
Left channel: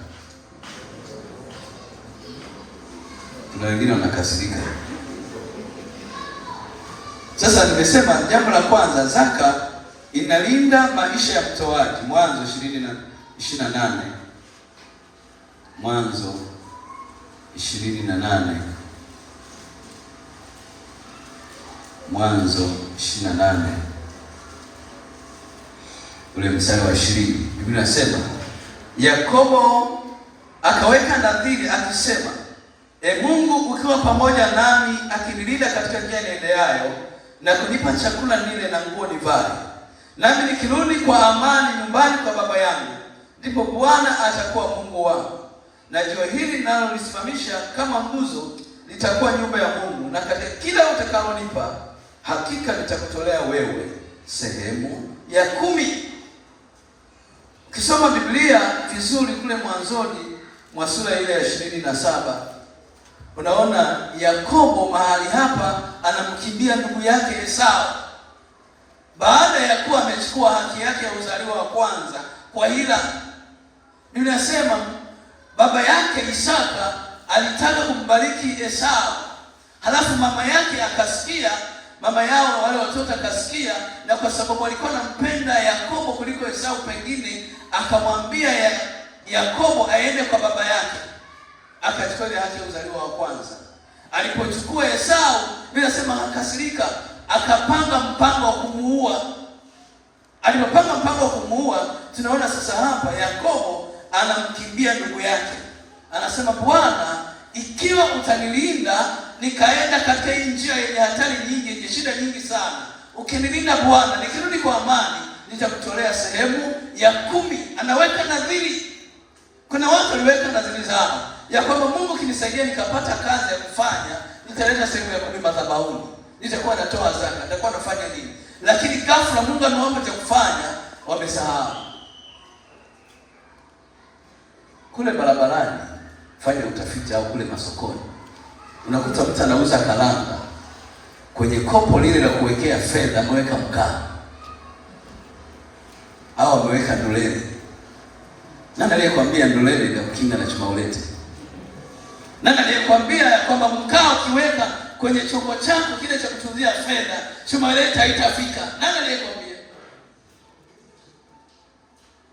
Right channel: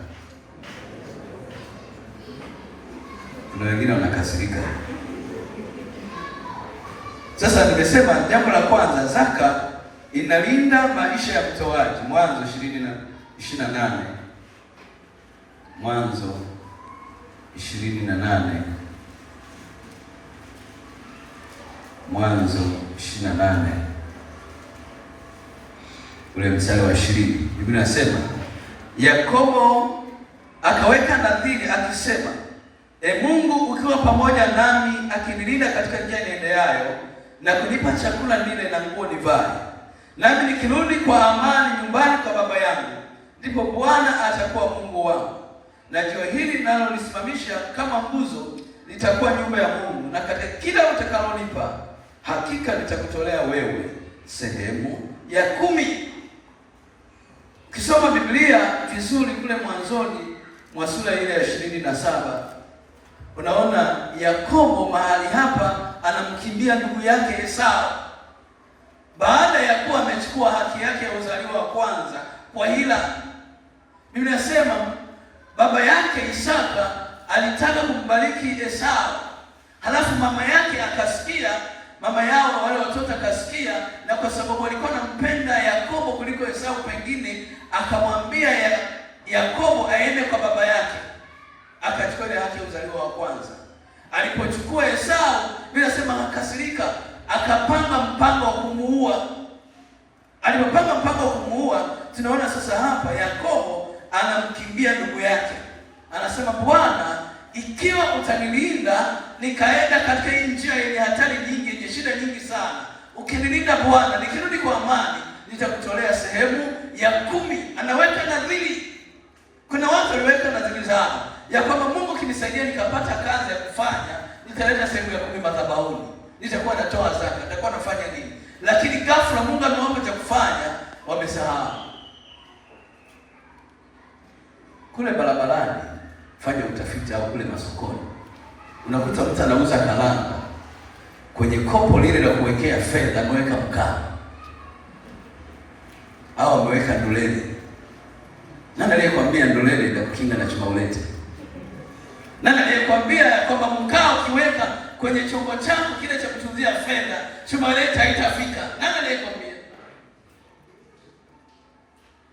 Kuna wengine wanakasirika. Sasa nimesema jambo la kwanza, zaka inalinda maisha ya mtoaji. Mwanzo 28. Mwanzo 28. Mwanzo 28 ule mstari wa 20, Biblia inasema Yakobo akaweka nadhiri akisema, Mungu ukiwa pamoja nami, akinilinda katika njia niendeayo na kunipa chakula nile na nguo nivae, nami nikirudi kwa amani nyumbani kwa baba yangu, ndipo Bwana atakuwa Mungu wangu, na jiwe hili nalo lisimamisha kama nguzo litakuwa nyumba ya Mungu, na katika kila utakalonipa hakika nitakutolea wewe sehemu ya 10. Ukisoma Biblia vizuri kule mwanzoni mwa sura ile ya 27, unaona Yakobo mahali hapa anamkimbia ndugu yake Esau baada ya kuwa amechukua haki yake ya uzaliwa wa kwanza kwa hila. Biblia inasema baba yake Isaka alitaka kumbariki Esau, halafu mama yake akasikia, mama yao wale watoto akasikia, na kwa sababu alikuwa anampenda Yakobo kuliko Esau, pengine akamwambia Yakobo aende kwa baba yake, akachukua ile haki ya uzaliwa wa kwanza. Alipochukua Esau, Biblia inasema akasirika, akapanga mpango wa kumuua. Alipopanga mpango wa kumuua, tunaona sasa hapa Yakobo anamkimbia ndugu yake, anasema, Bwana, ikiwa utanilinda nikaenda katika hii njia yenye hatari nyingi, yenye shida nyingi sana, ukinilinda Bwana, nikirudi kwa amani, nitakutolea sehemu ya 10. Anaweka nadhiri. Kuna watu waliweka nadhiri zao, ya kwamba Mungu kinisaidia nikapata kazi ya kufanya, nitaleta sehemu ya 10 madhabahuni, nitakuwa natoa zaka, nitakuwa nafanya nini. Lakini ghafla Mungu amewapa cha kufanya, wamesahau. Kule barabarani, fanya utafiti, au kule masokoni, unakuta mtu anauza karanga, kwenye kopo lile la kuwekea fedha ameweka mkaa au ameweka ndolele. Nani aliyekwambia ndolele ndio kukinga na chuma ulete? Nani aliyekwambia kwamba mkaa ukiweka kwenye chombo chako kile cha kutunzia fedha, chuma ulete haitafika? Nani aliyekwambia?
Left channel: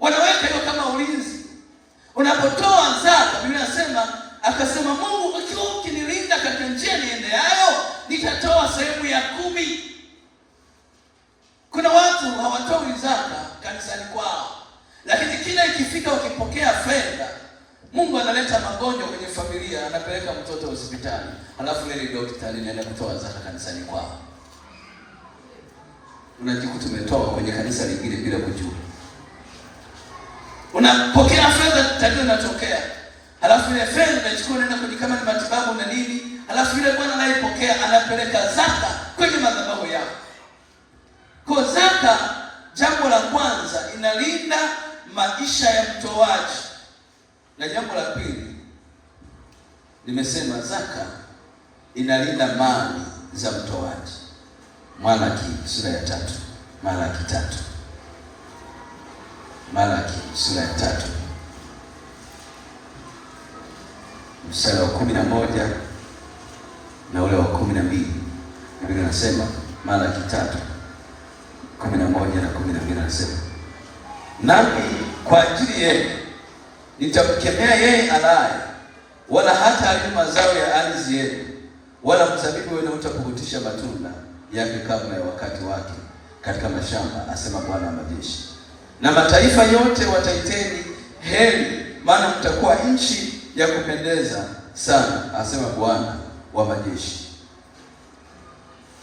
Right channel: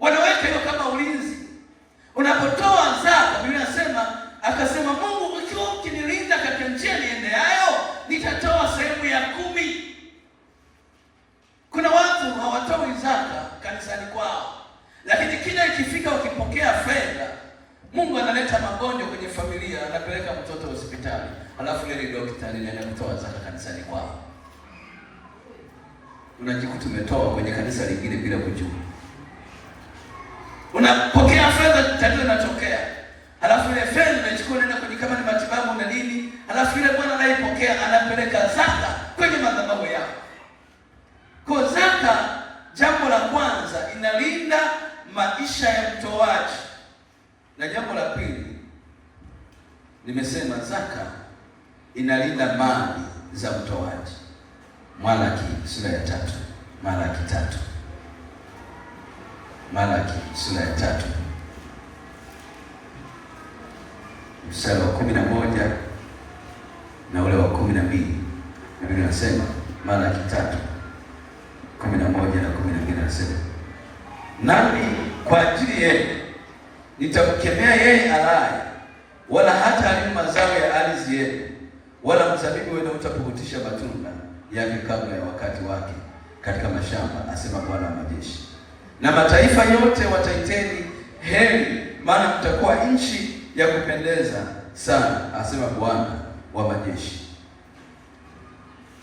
Wanaweka hiyo kama ulinzi. Unapotoa zaka, Biblia inasema, akasema Mungu, ukiwa ukinilinda katika njia niendeayo, nitatoa sehemu ya 10. Kuna watu hawatoi zaka kanisani kwao, lakini kila ikifika ukipokea fedha, Mungu analeta magonjwa kwenye familia, anapeleka mtoto hospitali, alafu ile daktari anaenda kutoa zaka kanisani kwao. Unajikuta tumetoa kwenye kanisa lingine bila kujua. Unapokea fedha, tatizo linatokea. Halafu ile fedha unaichukua unaenda kwenye kama ni matibabu na nini, halafu ile bwana anayepokea anapeleka zaka kwenye madhabahu yao. Kwa zaka, jambo la kwanza, inalinda maisha ya mtoaji. Na jambo la pili, nimesema zaka inalinda mali za mtoaji. Malaki sura ya 3. Malaki 3. Malaki sura ya 3 mstari wa 11 na ule wa 12. Biblia inasema, Malaki 3:11 na 12 inasema, nami kwa ajili yenu nitamkemea yeye alaye, wala hata haribu mazao ya ardhi yenu, wala mzabibu wenu utapukutisha matunda yake kabla ya wakati wake katika mashamba, asema Bwana wa majeshi. Na mataifa yote wataiteni heri, maana mtakuwa nchi ya kupendeza sana, asema Bwana wa majeshi.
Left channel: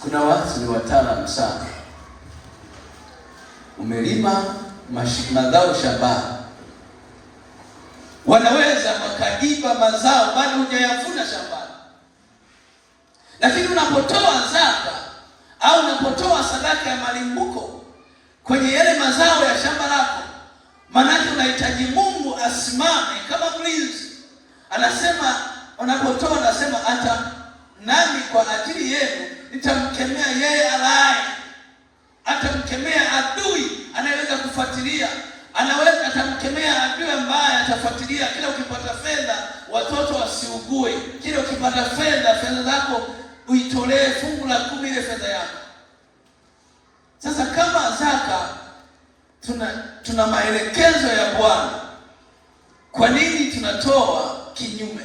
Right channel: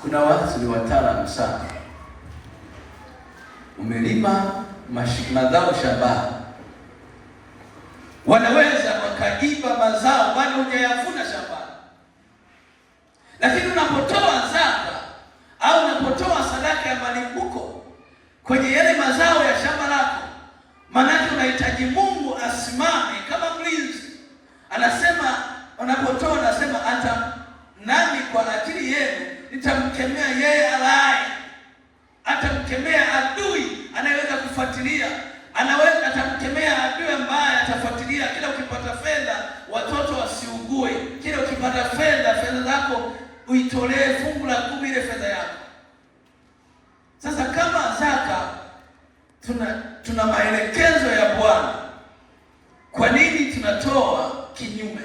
Kuna watu ni wataalamu sana. Umelima mazao shambani, wanaweza wakaiba mazao bado hujayavuna shambani. Lakini unapotoa zaka au unapotoa sadaka ya malimbuko kwenye yale mazao ya shamba lako, maana unahitaji Mungu asimame kama mlinzi. Anasema, unapotoa anasema, hata nami kwa ajili yenu nitamkemea yeye alaye. Atamkemea adui anayeweza kufuatilia, atamkemea adui ambaye atafuatilia. Kila ukipata fedha, watoto wasiugue. Kila ukipata fedha zako uitolee fungu la 10 ile fedha yako. Sasa kama zaka, tuna maelekezo ya Bwana. Kwa nini tunatoa kinyume?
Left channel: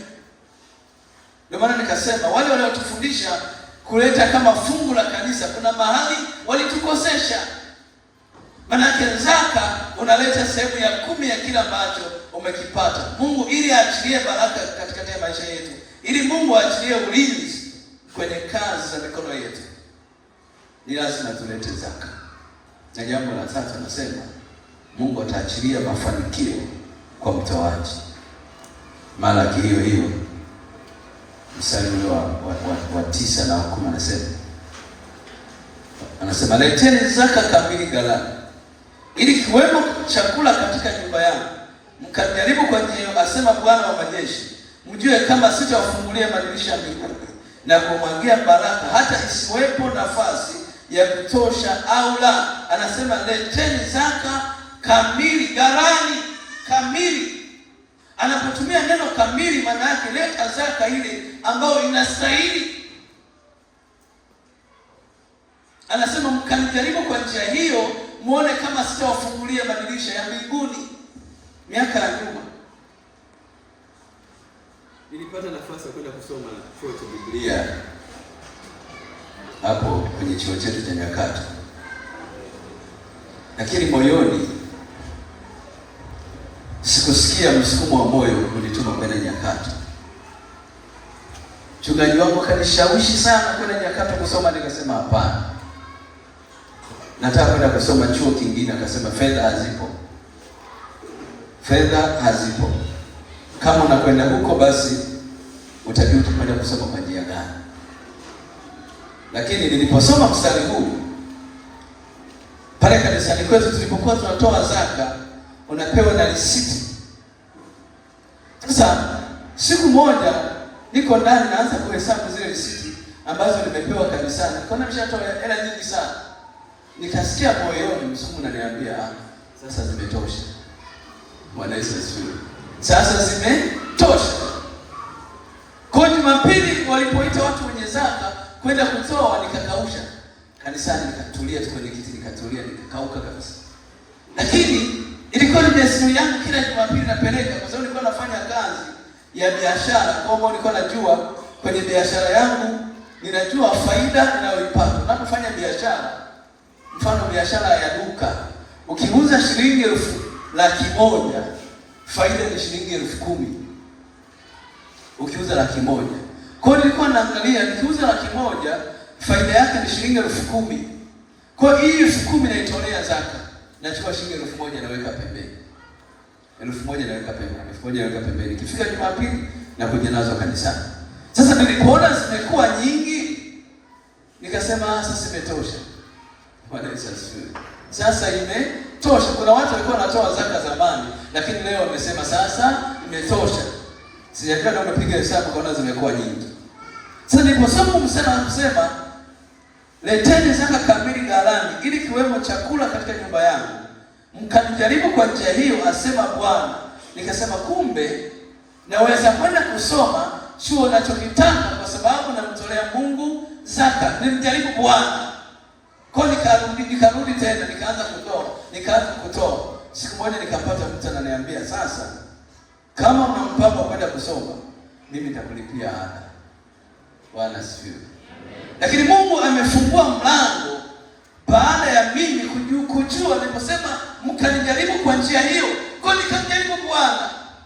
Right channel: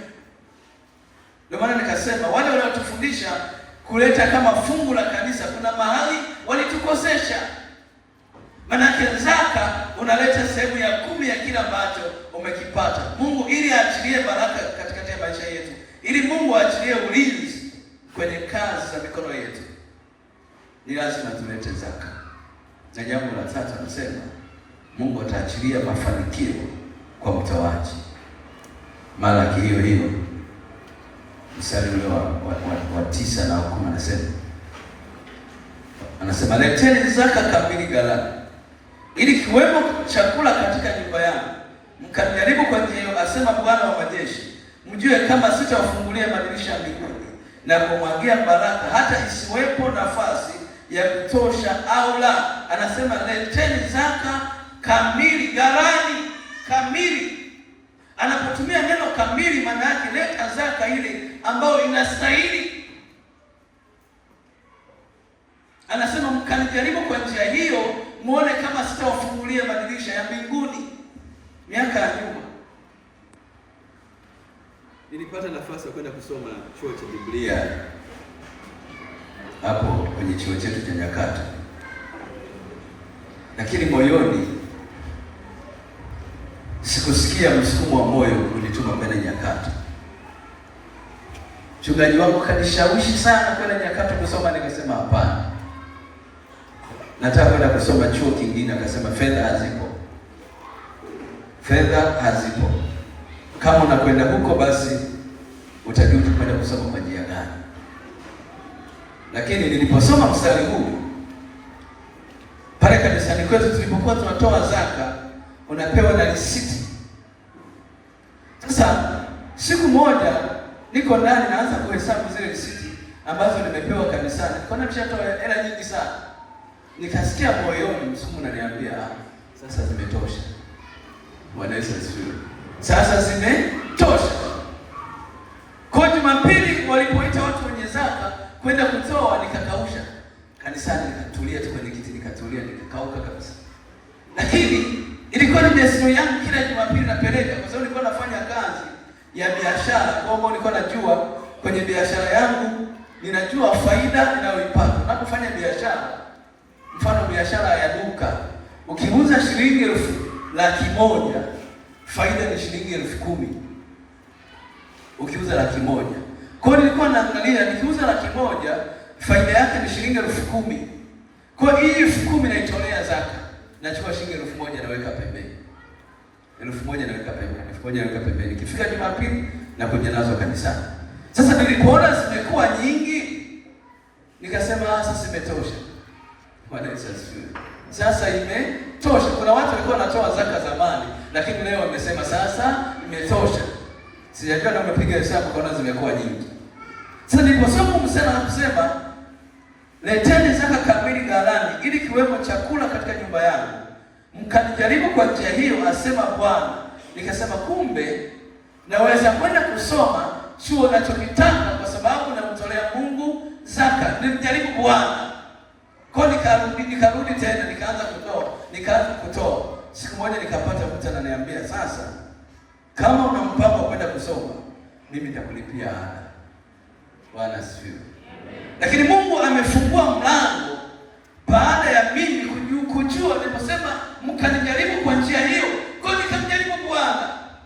Ndio maana nikasema wale waliotufundisha kuleta kama fungu la kanisa, kuna mahali walitukosesha. Manake zaka unaleta sehemu ya 10 ya kila ambacho umekipata. Mungu ili aachilie baraka katika maisha yetu, ili Mungu aachilie ulinzi kwenye kazi za mikono yetu, ni lazima tulete zaka. Na jambo la 3 nasema, Mungu ataachilia mafanikio kwa mtoaji. Malaki hiyo mstari wa 9 na 10 anasema, leteni zaka kamili ghalani, ili kiwemo chakula katika nyumba yangu, mkajaribu kwa njia hiyo, asema Bwana wa majeshi, mjue kama sitawafungulia madirisha ya mbinguni na kumwagia baraka, hata isiwepo nafasi ya kutosha au la. Anasema leteni zaka kamili ghalani. Kamili, anapotumia neno kamili, maana yake leta zaka ile ambayo inastahili. Anasema mkanijaribu kwa njia hiyo, muone kama sitawafungulia madirisha ya mbinguni. Miaka ya nyuma nilipata nafasi ya kwenda kusoma chuo cha Biblia hapo kwenye chuo chetu cha Nyakato, lakini moyoni sikusikia msukumo wa moyo kunituma kwenda Nyakato. Mchungaji wangu kanishawishi sana kwenda Nyakato kusoma, nikasema hapana, nataka kwenda kusoma chuo kingine. Akasema fedha hazipo. Kama unakwenda huko, basi utajua utakwenda kusoma kwa njia gani. Lakini niliposoma mstari huu pale kanisani kwetu, tulipokuwa tunatoa zaka, unapewa na risiti. Sasa siku moja niko ndani naanza kuhesabu zile risiti ambazo nimepewa kanisani. Nikaona nimeshatoa hela nyingi sana. Nikasikia moyoni msumu unaniambia, sasa zimetosha. Bwana Yesu asifiwe. Sasa zimetosha. Kwa Jumapili walipoita watu wenye zaka kwenda kutoa, nikakausha kanisani, nikatulia tu kwenye kiti, nikatulia, nikakauka kabisa. Lakini ilikuwa ni desturi yangu kila Jumapili napeleka, kwa sababu nilikuwa nafanya kazi ya biashara. Kwa hiyo nilikuwa najua kwenye biashara yangu, ninajua faida ninayoipata. Unapofanya biashara, mfano biashara ya duka, ukiuza shilingi 100,000, faida ni shilingi 10,000. Ukiuza 100,000. Kwa hiyo nilikuwa naangalia, nikiuza 100,000, faida yake ni shilingi 10,000. Kwa hiyo hii 10,000 naitolea zaka. Nachukua shilingi 1,000 naweka pembeni. 1,000 naweka pembeni, 1,000 naweka pembeni. Ikifika Jumapili na kuja nazo kanisani. Sasa nilipoona zimekuwa nyingi, nikasema sasa imetosha. Bwana Yesu asifiwe. Sasa imetosha. Kuna watu walikuwa wanatoa zaka zamani, lakini leo wamesema sasa imetosha. Sijajua kama umepiga hesabu kuona zimekuwa nyingi. Sasa niliposoma msema kusema, leteni zaka kamili ghalani, ili kiwemo chakula katika nyumba yangu, mkanijaribu kwa njia hiyo, asema Bwana. Nikasema kumbe naweza kwenda kusoma chuo ninachokitaka kwa sababu namtolea Mungu zaka. Nilijaribu Bwana. Kwa nikarudi tena, nikaanza kutoa. Siku moja nikapata mtu ananiambia, sasa kama una mpango wa kwenda kusoma, mimi nitakulipia ada. Bwana asifiwe. Lakini Mungu amefungua mlango baada ya mimi kujua. Niliposema mkanijaribu kwa njia hiyo, kwa nikamjaribu Bwana,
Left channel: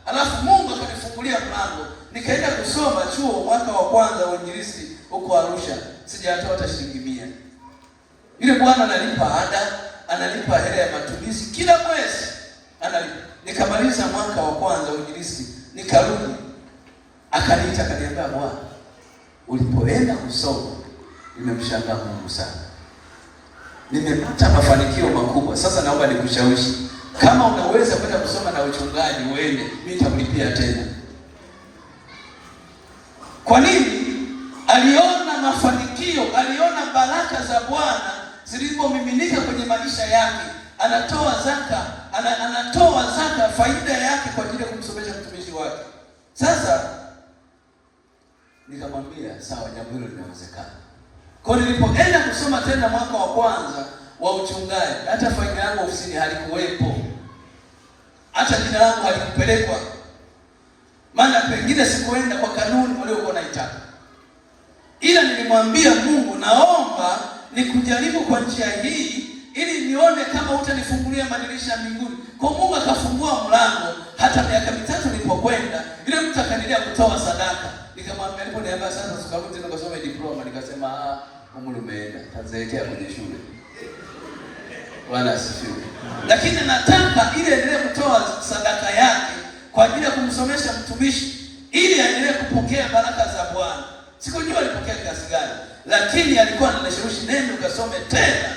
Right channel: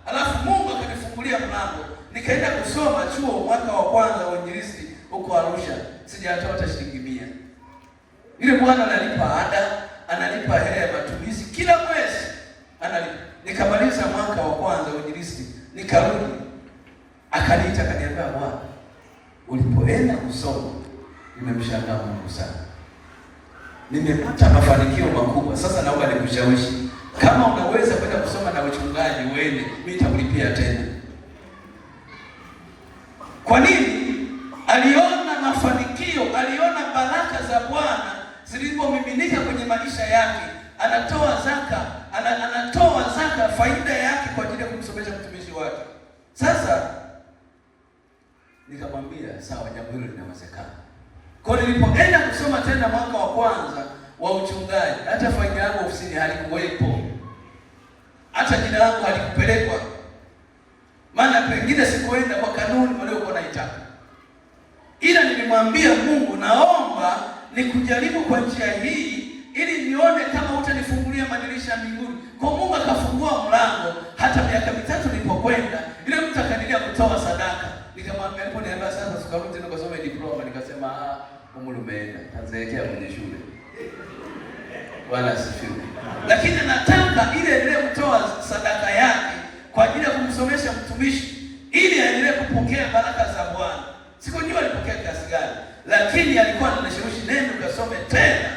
alafu Mungu akanifungulia mlango. Nikaenda kusoma chuo mwaka wa kwanza wa uinjilisti huko Arusha. Sijatoa hata shilingi 100. Yule bwana analipa ada, analipa hela ya matumizi kila mwezi, analipa. Nikamaliza mwaka wa kwanza wa uinjilisti, nikarudi. Akaniita akaniambia, Bwana, ulipoenda kusoma nimemshangaa Mungu sana. Nimepata mafanikio makubwa. Sasa naomba nikushawishi, kama unaweza kwenda kusoma na uchungaji uende, mimi nitakulipia tena. Kwa nini? Aliona mafanikio, aliona baraka za Bwana zilipomiminika kwenye maisha yake. Anatoa zaka faida yake kwa ajili ya kumsomesha mtumishi wake. Sasa nikamwambia sawa, jambo hilo linawezekana. Kwa nilipoenda kusoma tena mwaka wa kwanza wa uchungaji, hata faida yangu ofisini halikuwepo. Hata jina langu halikupelekwa. Maana pengine sikuenda kwa kanuni waliokuwa naitaka. Ila nilimwambia Mungu, naomba nikujaribu kwa njia hii ili nione kama utanifungulia madirisha mbinguni. Kwa Mungu akafungua mlango. Hata miaka 3 nilipokwenda, yule mtu akanilia kutoa sadaka. Nikamwambia, aliponiambia sasa tukarudi tena kusoma diploma, nikasema Mungu umeenda, tazeekea kwenye shule. Bwana asifiwe. Lakini nataka ile endelee kutoa sadaka yake kwa ajili ya kumsomesha mtumishi ili aendelee kupokea baraka za Bwana. Sikujua alipokea kiasi gani, lakini alikuwa ananishawishi, nenda ukasome tena.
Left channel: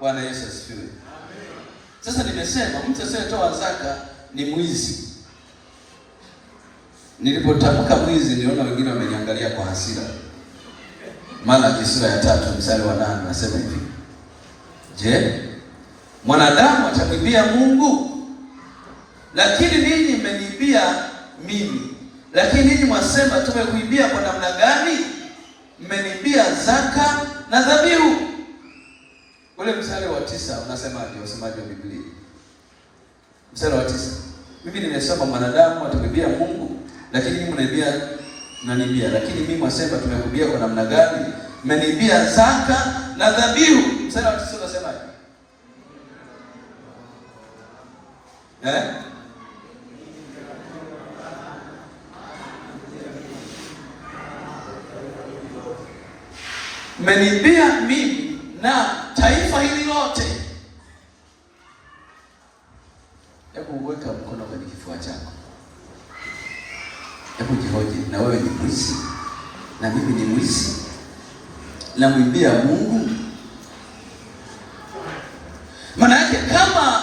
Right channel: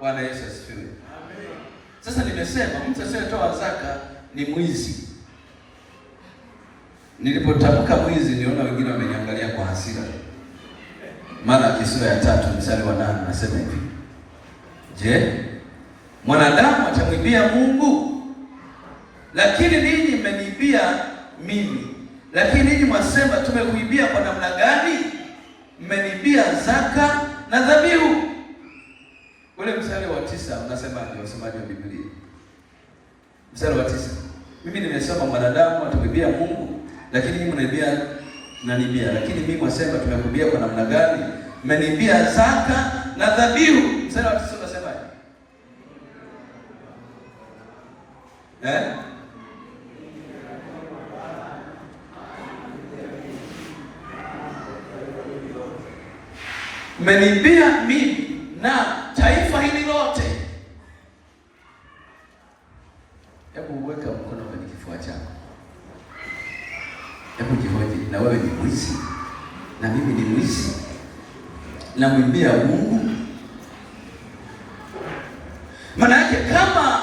Bwana Yesu asifiwe. Amen. Sasa nimesema mtu asiyetoa zaka ni mwizi. Nilipotamka mwizi, niona wengine wameniangalia kwa hasira. Maana sura ya 3 mstari wa 8 nasema hivi, je, mwanadamu atamwibia Mungu? Lakini ninyi mmeniibia mimi. Lakini ninyi mwasema, tumekuibia kwa namna gani? Mmeniibia zaka na dhabihu. Ule mstari wa 9 unasema ndio usemaji wa Biblia. Mstari wa 9. Mimi nimesema mwanadamu atamwibia Mungu, lakini ninyi mnaniibia. Lakini mimi mwasema, tumekuibia kwa namna gani? Mmeniibia zaka na dhabihu. Mstari wa 9 unasemaje? Mmeniibia mimi na taifa hili lote. Hebu uweka mkono kwenye kifua chako. wewe ni mwizi na mimi ni mwizi? Namwimbia Mungu? Maana yake kama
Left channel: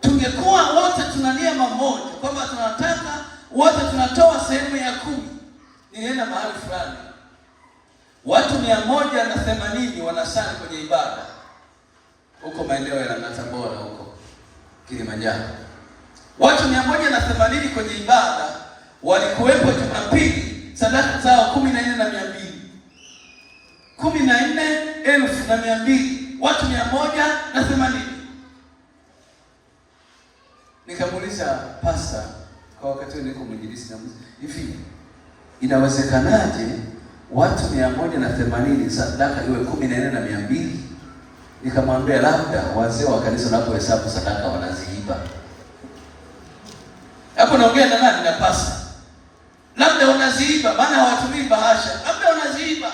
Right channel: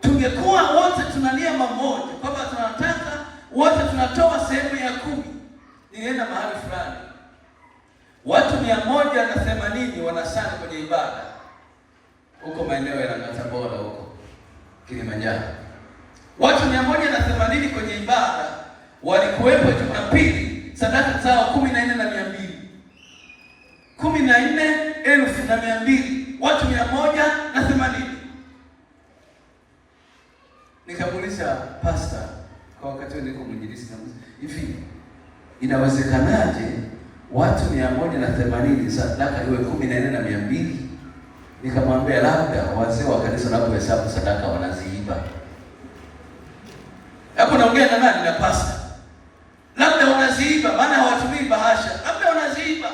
tungekuwa wote tuna nia moja kwamba tunataka wote tunatoa sehemu ya 10. Nienda mahali fulani, watu 180 wanasali kwenye ibada huko maeneo ya Tabora huko Kilimanjaro. Watu 180 kwenye ibada walikuwepo Jumapili, sadaka zao 14,200. 14,200, watu 180. Nikamuuliza pastor kwa wakati niko mwinjilisti, hivi inawezekanaje watu 180 sadaka iwe 14,200? Nikamwambia labda wazee wa kanisa wanapohesabu sadaka wanaziiba. Hapo naongea na nani? Na pastor. Labda wanaziiba, maana hawatumii bahasha, labda wanaziiba.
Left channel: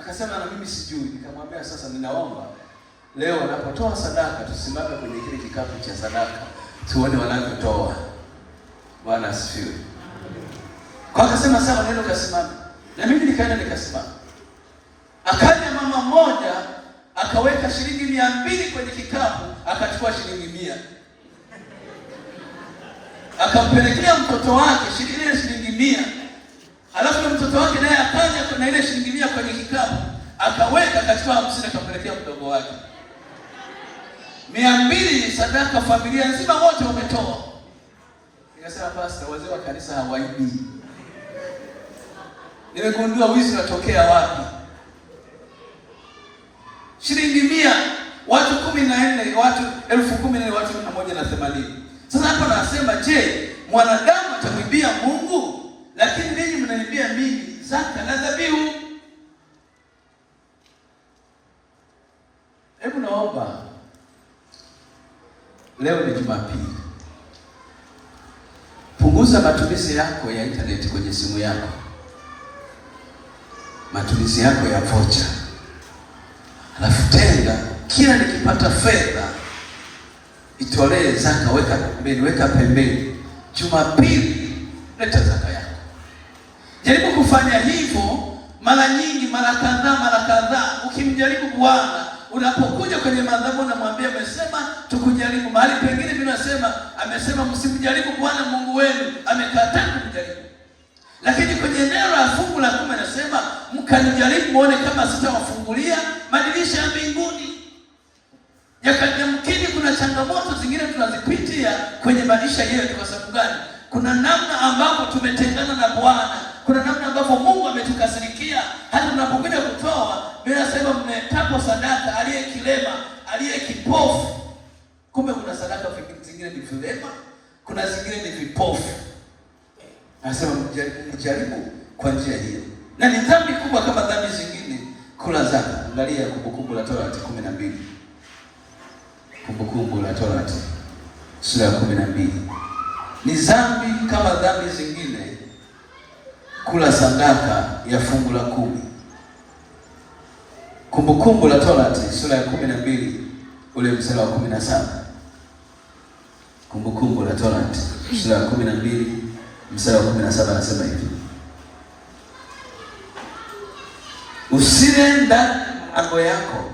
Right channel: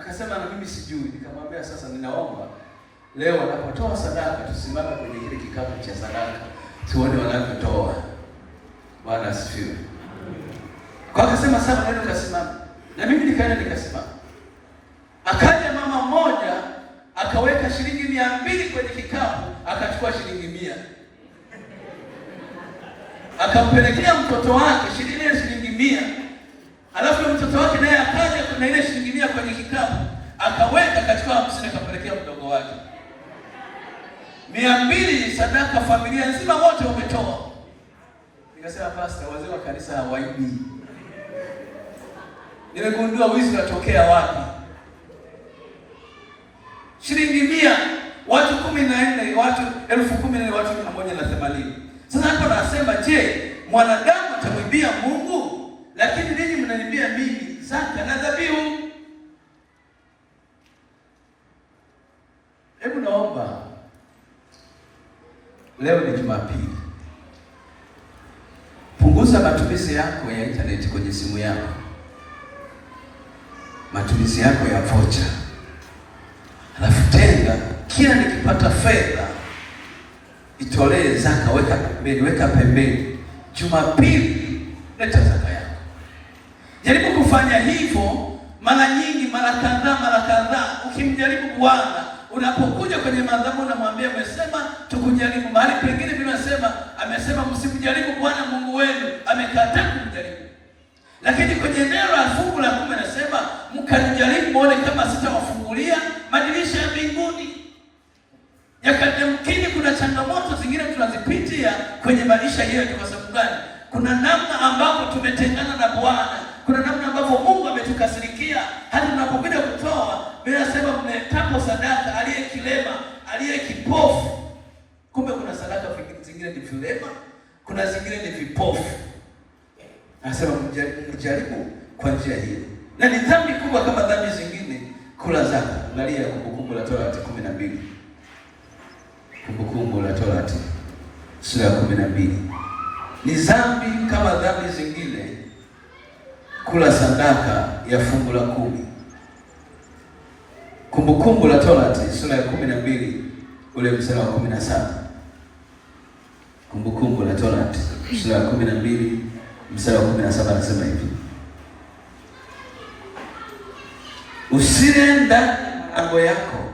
Akasema na mimi sijui. Nikamwambia sasa, ninaomba leo wanapotoa sadaka tusimame kwenye kile kikapu cha sadaka tuone wanavyotoa. Bwana asifiwe. Kwa akasema sawa, neno kasimama. Na mimi nikaenda nikasimama. Akaja mama mmoja akaweka shilingi 200 kwenye kikapu, akachukua shilingi 100. Akampelekea mtoto wake shilingi 100. Alafu mtoto wake naye akaja kuna ile shilingi 100 kwenye kikapu, akaweka, akachukua 50 akampelekea mdogo wake. 200 sadaka, familia nzima wote wametoa. Nikasema pastor, wazee wa kanisa hawaibi. Nimegundua wizi unatokea wapi? Shilingi 100, watu 14, watu 10,000, watu 180. Sasa hapo nasema, je, mwanadamu atamwibia Mungu? Lakini ninyi mnaniambia mimi zaka na dhabihu. Hebu naomba, leo ni Jumapili, punguza matumizi yako ya internet kwenye simu yako, matumizi yako ya vocha. Alafu tenga kila nikipata fedha itolee zaka, weka pembeni. Jumapili leta zaka yako. Jaribu kufanya hivyo mara nyingi, mara kadhaa. Ukimjaribu Bwana, unapokuja kwenye madhabahu unamwambia amesema tukujaribu. Mahali pengine vinasema amesema msimjaribu Bwana Mungu wenu, amekataa kumjaribu. Lakini kwenye eneo la fungu la 10 anasema mkanijaribu muone kama sitawafungulia madirisha ya mbinguni. Yamkini kuna changamoto zingine tunazipitia kwenye maisha yetu. Kwa sababu gani? Kuna namna ambapo tumetengana na Bwana, kuna namna ambapo Mungu ametukasirikia. Hata tunapokuja kutoa, bila sema mmekapo sadaka aliye kilema, aliye kipofu. Kumbe kuna sadaka zingine ni vilema, kuna zingine ni vipofu. Anasema mjaribu kwa njia hiyo. Na ni dhambi kubwa kama dhambi zingine kula zaka. Angalia Kumbukumbu la Torati 12. Kumbukumbu la Torati sura ya 12. Ni dhambi kama dhambi zingine kula sadaka ya fungu la 10. Kumbukumbu la Torati sura ya 12 ule mstari wa 17. Kumbukumbu la Torati sura ya 12 mstari wa 17 anasema hivi: usile ndani ya malango yako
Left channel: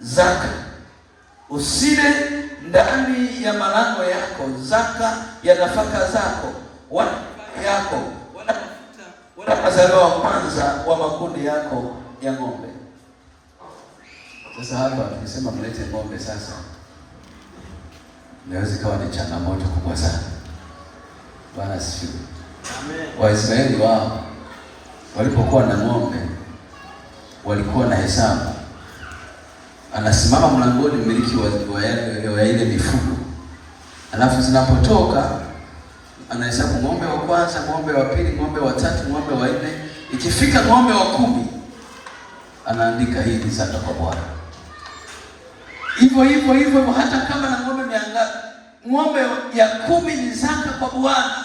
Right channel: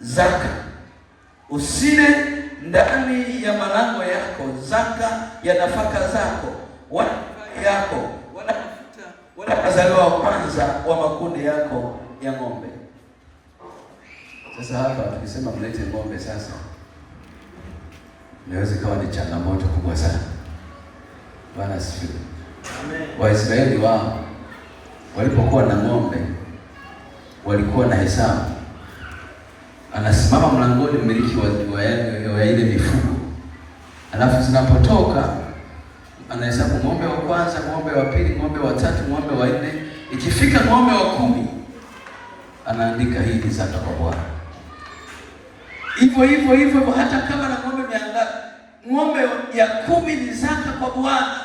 zaka, usile ndani ya malango yako zaka ya nafaka zako, wala yako, wala mafuta, wala wazaliwa wa kwanza wa makundi yako ya ng'ombe. Sasa hapa tukisema mlete ng'ombe, sasa inaweza kuwa ni changamoto kubwa sana. Bwana asifiwe. Amen. Waisraeli wao walipokuwa na ng'ombe walikuwa na hesabu. Anasimama mlangoni mmiliki wa ile mifugo, alafu zinapotoka anahesabu ng'ombe wa kwanza, ng'ombe wa pili, ng'ombe wa tatu, ng'ombe wa nne. Ikifika ng'ombe wa 10 anaandika hii ni zaka kwa Bwana. Hivyo hata kama na ng'ombe miangapi, ng'ombe ya 10 ni zaka kwa Bwana.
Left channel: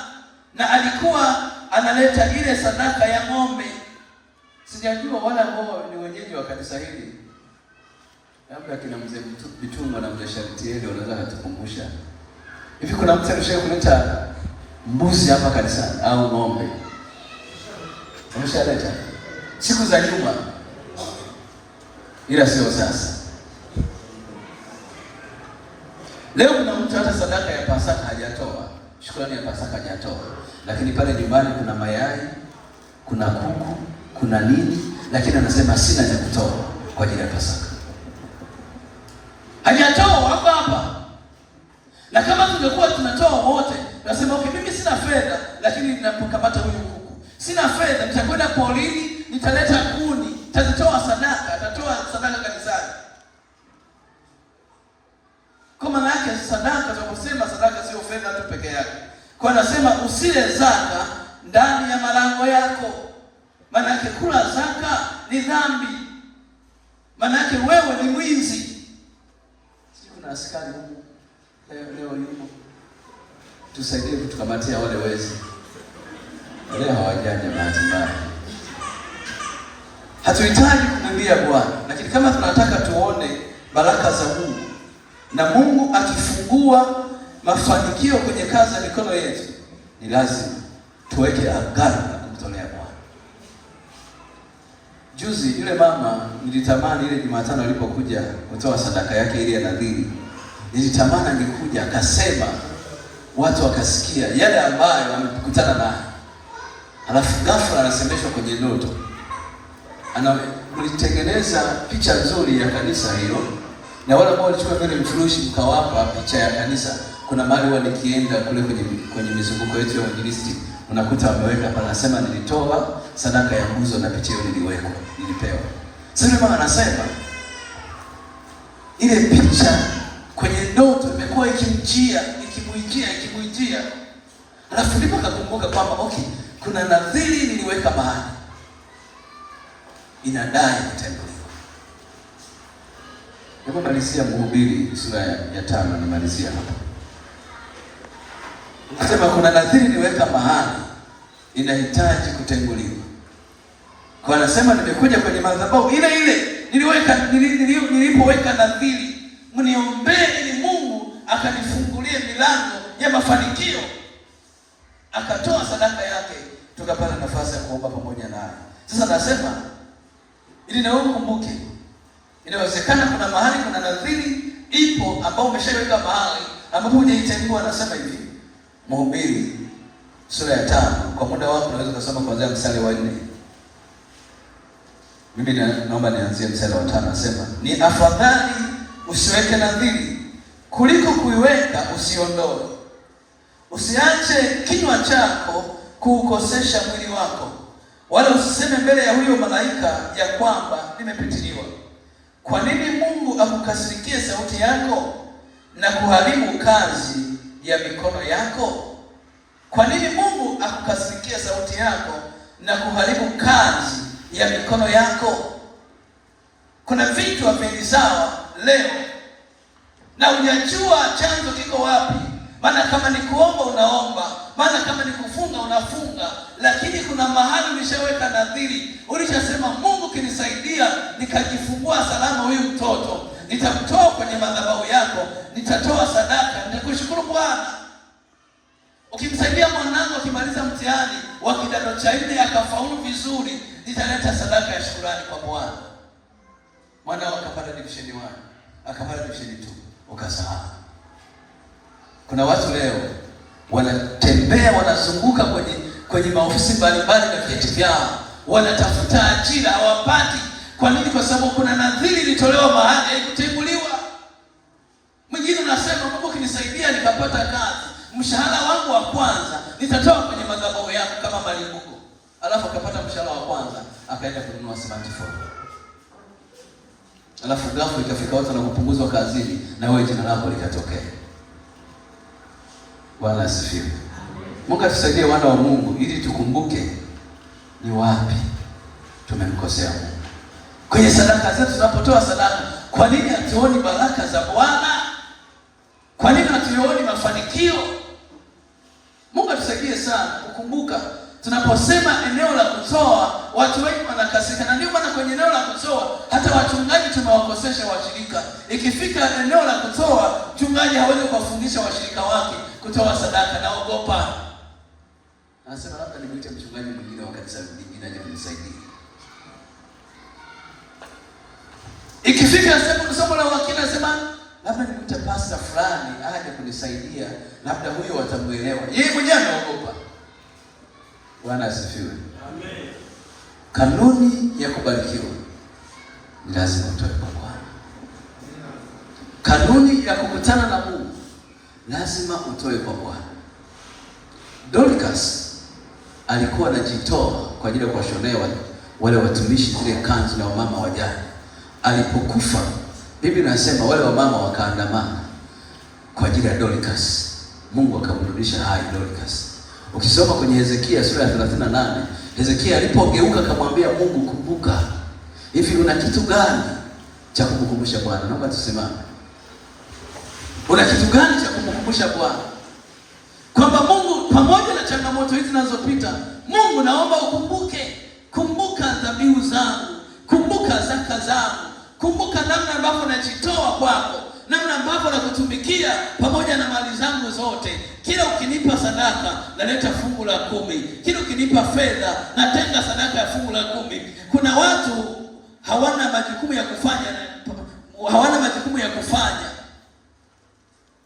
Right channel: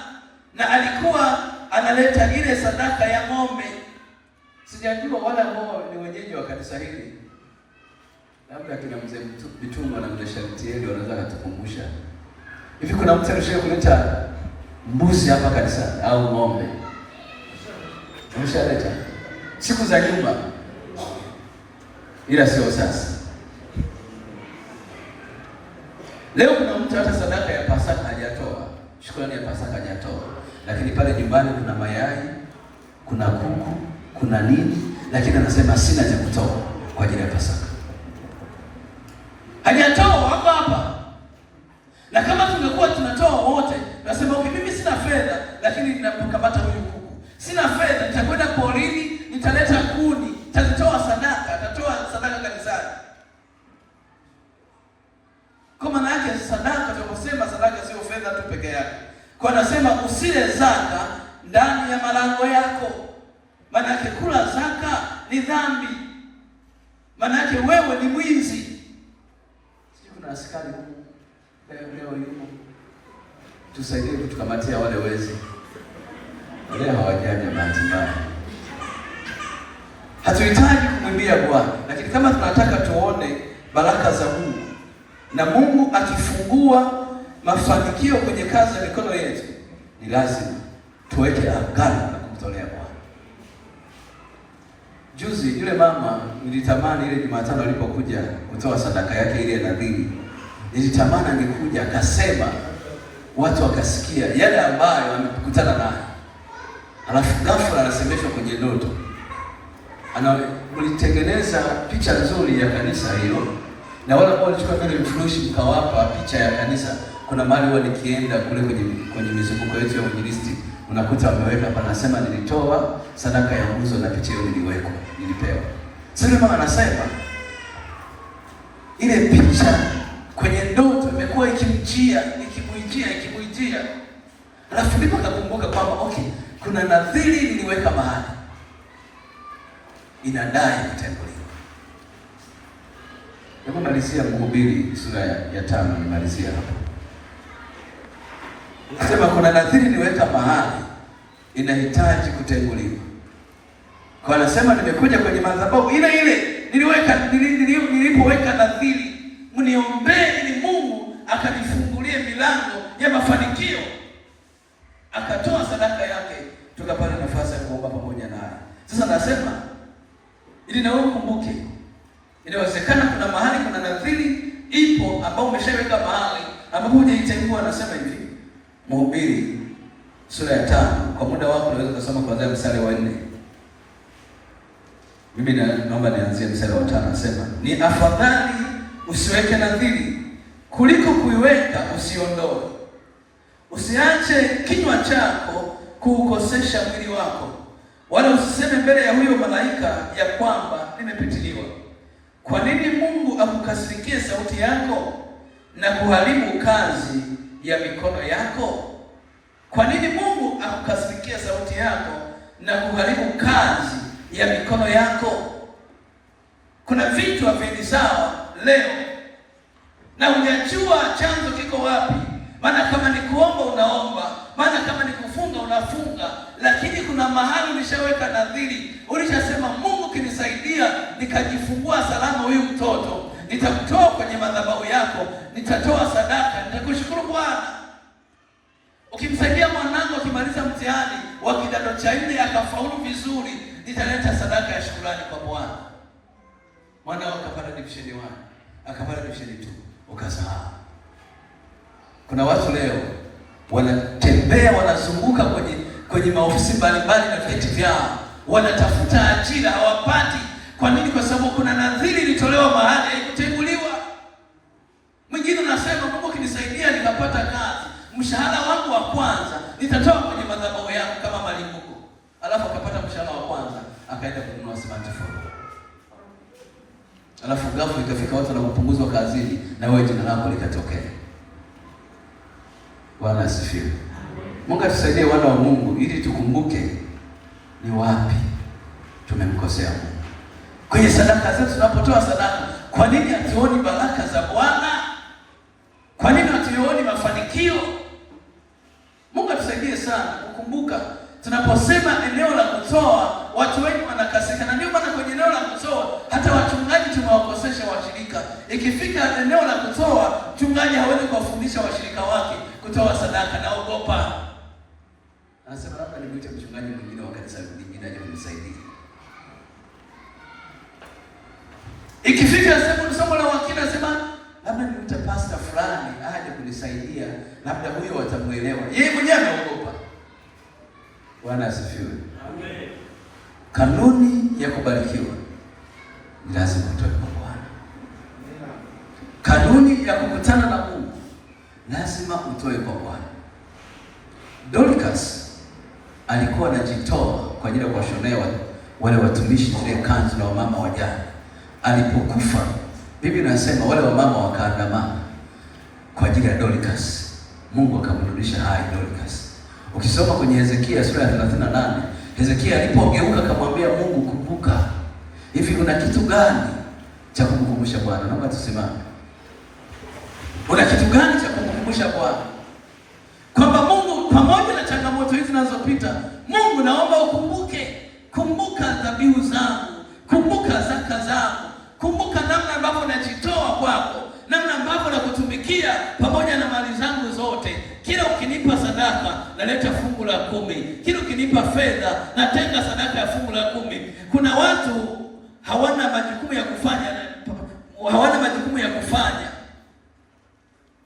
Na alikuwa analeta ile sadaka ya ng'ombe. Sijajua wala ambao ni wenyeji wa kanisa hili, labda kina mzee Bitunga na mzee Sharitieli wanaweza kutukumbusha. Hivi kuna mtu alishaye kuleta mbuzi hapa kanisani au ng'ombe? Umeshaleta siku za nyuma, ila sio sasa. Leo kuna mtu hata sadaka ya Pasaka hajatoa, shukrani ya Pasaka hajatoa, lakini pale nyumbani kuna mayai, kuna kuku, kuna nini, lakini anasema sina cha kutoa kwa ajili ya Pasaka. Hajatoa, wako hapa. Na kama tungekuwa tunatoa wote, tunasema okay, mimi sina fedha, lakini ninapokapata huyu kuku, sina fedha, nitakwenda porini, nitaleta kuni, nitatoa sadaka, atatoa sadaka kanisani. Kwa maana yake sadaka, tunaposema sadaka sio fedha tu peke yake. Kwa anasema usile zaka ndani ya malango yako. Maana yake kula zaka ni dhambi. Maana yake wewe ni mwizi. Siku na askari huko leo yuko, tusaidie kutukamatia wale wezi. Leo hawajaja bahati mbaya. Hatuhitaji kumwimbia Bwana, lakini kama tunataka tuone baraka za Mungu na Mungu akifungua mafanikio kwenye kazi ya mikono yetu, ni lazima tuweke agano na kumtolea Bwana. Juzi yule mama nilitamani ile Jumatano alipokuja kutoa sadaka yake ile ya nadhiri, nilitamani angekuja akasema, watu wakasikia yale ambayo wamekutana nayo. Alafu ghafla anasemeshwa kwenye ndoto. Mlitengeneza picha nzuri ya kanisa hilo, na wale ambao walichukua ile mfurushi mkawapa picha ya kanisa. Kuna mahali huwa nikienda kule kwenye mizunguko yetu ya injilisti, unakuta wameweka hapa, anasema nilitoa sadaka ya nguzo na picha hiyo nilipewa. Sasa mama anasema ile picha kwenye ndoto imekuwa ikimjia. Alafu ndipo akakumbuka kwamba okay, kuna nadhiri niliweka mahali inadai kutenguliwa. Hebu malizia Mhubiri sura ya 5, nimalizia hapo. Anasema kuna nadhiri niliweka mahali inahitaji kutenguliwa. Kwa anasema nimekuja kwenye madhabahu ile nilipoweka nadhiri, mniombee ili Mungu akanifungulie milango ya mafanikio. Akatoa sadaka yake, tukapata nafasi ya kuomba pamoja naye. Sasa nasema ili na wewe kumbuke, inawezekana kuna mahali kuna nadhiri ipo ambao umeshaweka mahali ambapo hujaitengua. Anasema hivi Mhubiri sura ya 5, kwa muda wako unaweza kusoma kuanzia mstari wa 4. Mimi naomba nianzie mstari wa 5. Anasema ni afadhali usiweke nadhiri kuliko kuiweka usiondoe. Usiache kinywa chako kuukosesha mwili wako, wala usiseme mbele ya huyo malaika ya kwamba nimepitiliwa. Kwa nini Mungu akukasirikie sauti yako na kuharibu kazi ya mikono yako? Kwa nini Mungu akukasirikie sauti yako na kuharibu kazi ya mikono yako? Kuna vitu haviendi sawa leo na unajua chanzo kiko wapi. Maana kama ni kuomba unaomba, maana kama ni kufunga unafunga, lakini kuna mahali ulishaweka nadhiri. Ulishasema Mungu kinisaidia nikajifungua salama huyu mtoto, nitamtoa kwenye madhabahu yako, nitatoa sadaka, nitakushukuru Bwana. Ukimsaidia mwanangu akimaliza mtihani wa kidato cha 4 akafaulu vizuri, nitaleta sadaka ya shukrani kwa Bwana. Mwana akapata division 1, akapata division 2, ukasahau. Kuna watu leo wanatembea wanazunguka kwenye maofisi mbalimbali na vyeti vyao, wanatafuta ajira hawapati. Kwa nini? Kwa sababu kuna nadhiri ilitolewa mahali haikutenguliwa. Mwingine anasema Mungu kinisaidia nikapata kazi, mshahara wangu wa kwanza nitatoa kwenye madhabahu yangu kama malimbuko. Alafu akapata mshahara wa kwanza akaenda kununua smartphone. Alafu ghafla ikafika watu wanapunguzwa kazini na wewe jina lako likatokea. Bwana asifiwe. Mungu atusaidie wana wa Mungu ili tukumbuke ni wapi tumemkosea Mungu. Kwenye sadaka zetu tunapotoa sadaka, kwa nini hatuoni baraka za Bwana? Kwa nini hatuoni mafanikio? Mungu atusaidie sana kukumbuka tunaposema eneo la kutoa, watu wengi wanakasika. Na ndio maana kwenye eneo la kutoa hata wachungaji tumewakosesha washirika. Ikifika eneo la kutoa, mchungaji hawezi kuwafundisha washirika wake kutoa sadaka, naogopa. Anasema labda nimwite mchungaji mwingine wa kanisa lingine nisaidie. Ikifika somo la wakili nasema labda nimute pastor fulani aje kunisaidia, labda huyo watamuelewa. Yeye mwenyewe anaogopa. Bwana asifiwe. Amen. Kanuni ya kubarikiwa ni lazima utoe kwa Bwana. Kanuni ya kukutana na Mungu lazima utoe kwa Bwana. Dorcas alikuwa anajitoa kwa ajili ya kuwashonea wale watumishi zile kanzu na wamama wajane. Alipokufa, Biblia inasema wale wamama wakaandamana kwa ajili ya Dorcas. Mungu akamrudisha hai Dorcas. Ukisoma kwenye Hezekia sura ya 38, Hezekia alipogeuka akamwambia Mungu, kumbuka, hivi una kitu gani cha kumkumbusha Bwana? Naomba tusimame. Una kitu gani cha kumkumbusha Bwana? Kwamba Mungu, pamoja na changamoto hizi zinazopita, Mungu naomba ukumbuke. Kumbuka dhabihu zangu, kumbuka zaka zangu, kumbuka namna ambavyo najitoa kwako, namna ambavyo nakutumikia pamoja na mali zangu zote. Kila ukinipa sadaka naleta fungu la 10. Kila ukinipa fedha natenga sadaka ya fungu la 10. Kuna watu hawana majukumu ya kufanya,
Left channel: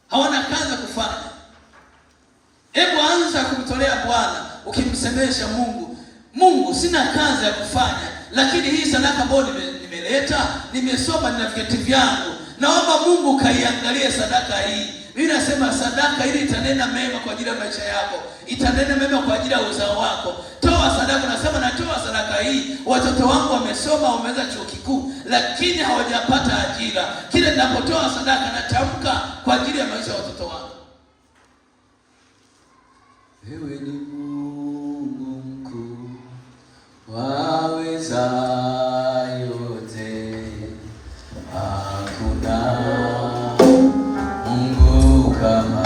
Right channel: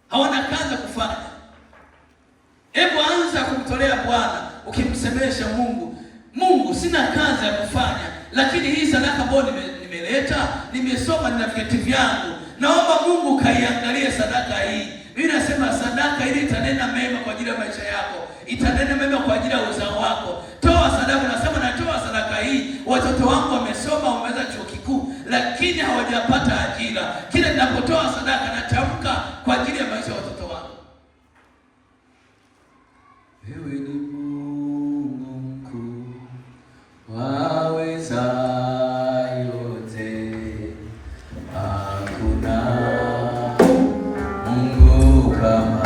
hawana kazi ya kufanya. Hebu anza kumtolea Bwana ukimsemesha Mungu, Mungu, sina kazi ya kufanya, lakini hii sadaka ambayo nimeleta, nimesoma, nina vyeti vyangu, naomba Mungu kaiangalie sadaka hii. Biblia inasema sadaka hii itanena mema kwa ajili ya maisha yako, itanena mema kwa ajili ya uzao wako. Toa sadaka. Nasema natoa sadaka hii, watoto wangu wamesoma, wameweza chuo kikuu, lakini hawajapata ajira. Kila ninapotoa sadaka natamka kwa ajili ya maisha ya watoto wangu. Wewe ni Mungu mkuu, waweza yote, hakuna Mungu kama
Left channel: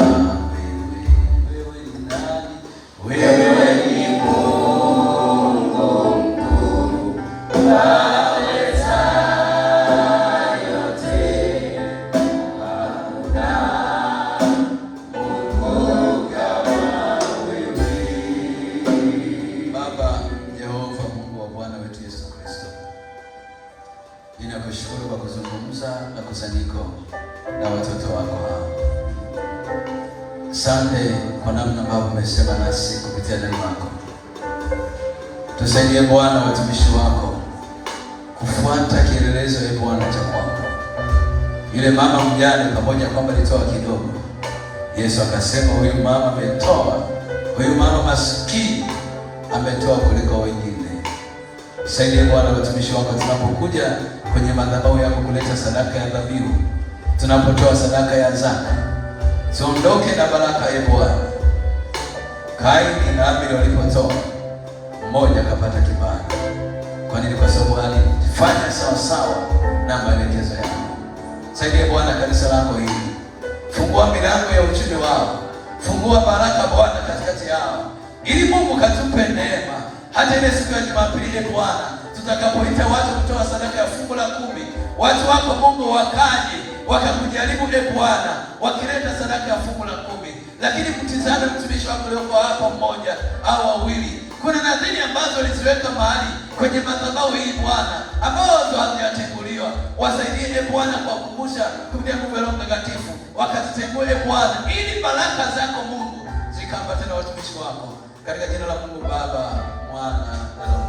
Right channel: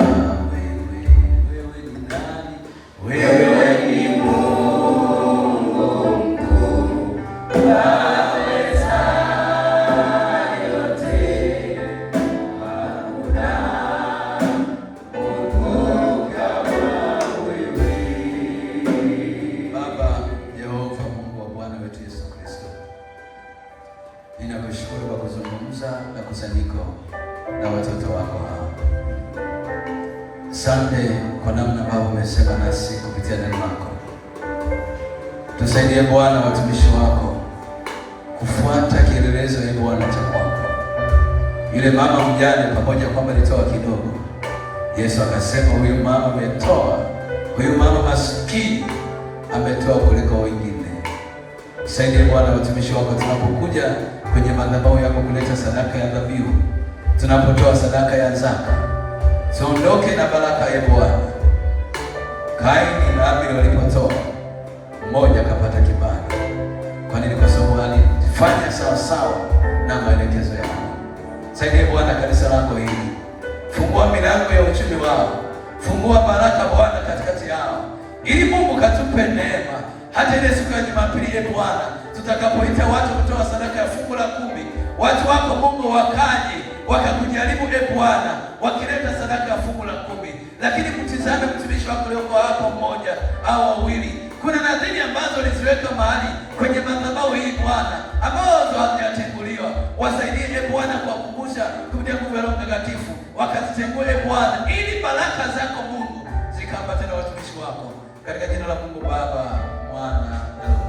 wewe. Wewe ni nani? Wewe ni Mungu mkuu, waweza yote, hakuna Mungu kama wewe. Baba Yehova, Mungu wa Bwana wetu Yesu Kristo, ninakushukuru kwa kuzungumza na kusanyiko na watoto wako hao. Asante kwa namna ambavyo umesema nasi kupitia neno lako. Tusaidie Bwana watumishi wako kufuata kielelezo ya Bwana cha kwako. Yule mama mjane, pamoja kwamba alitoa kidogo, Yesu akasema huyu mama ametoa, huyu mama maskini ametoa kuliko wengine. Tusaidie Bwana watumishi wako tunapokuja kwenye madhabahu yako kuleta sadaka ya dhabihu, tunapotoa sadaka ya zaka, tuondoke na baraka ya Bwana. Kaini na Abeli walipotoa, mmoja akapata kibali. Kwa nini? Kwa sababu alifanya sawa sawa na maelekezo yako. Saidia Bwana kanisa lako hili, fungua milango ya uchumi wao, fungua baraka Bwana katikati yao, ili Mungu katupe neema hata ile siku ya Jumapili Bwana, tutakapoita watu kutoa sadaka ya fungu la 10, watu wako Mungu wakaje wakakujaribu Bwana, wakileta sadaka ya fungu la 10, lakini mtizame mtumishi wako leo hapo, mmoja au wawili. Kuna nadhiri ambazo aliziweka mahali kwenye madhabahu hii Bwana, ambazo hazijatenguliwa. Wasaidie Bwana kwa kukumbusha kupitia nguvu ya Roho Mtakatifu, wakazitengue Bwana, ili baraka zako Mungu zikaambatane na watumishi wako, katika jina la Mungu Baba, Mwana na Roho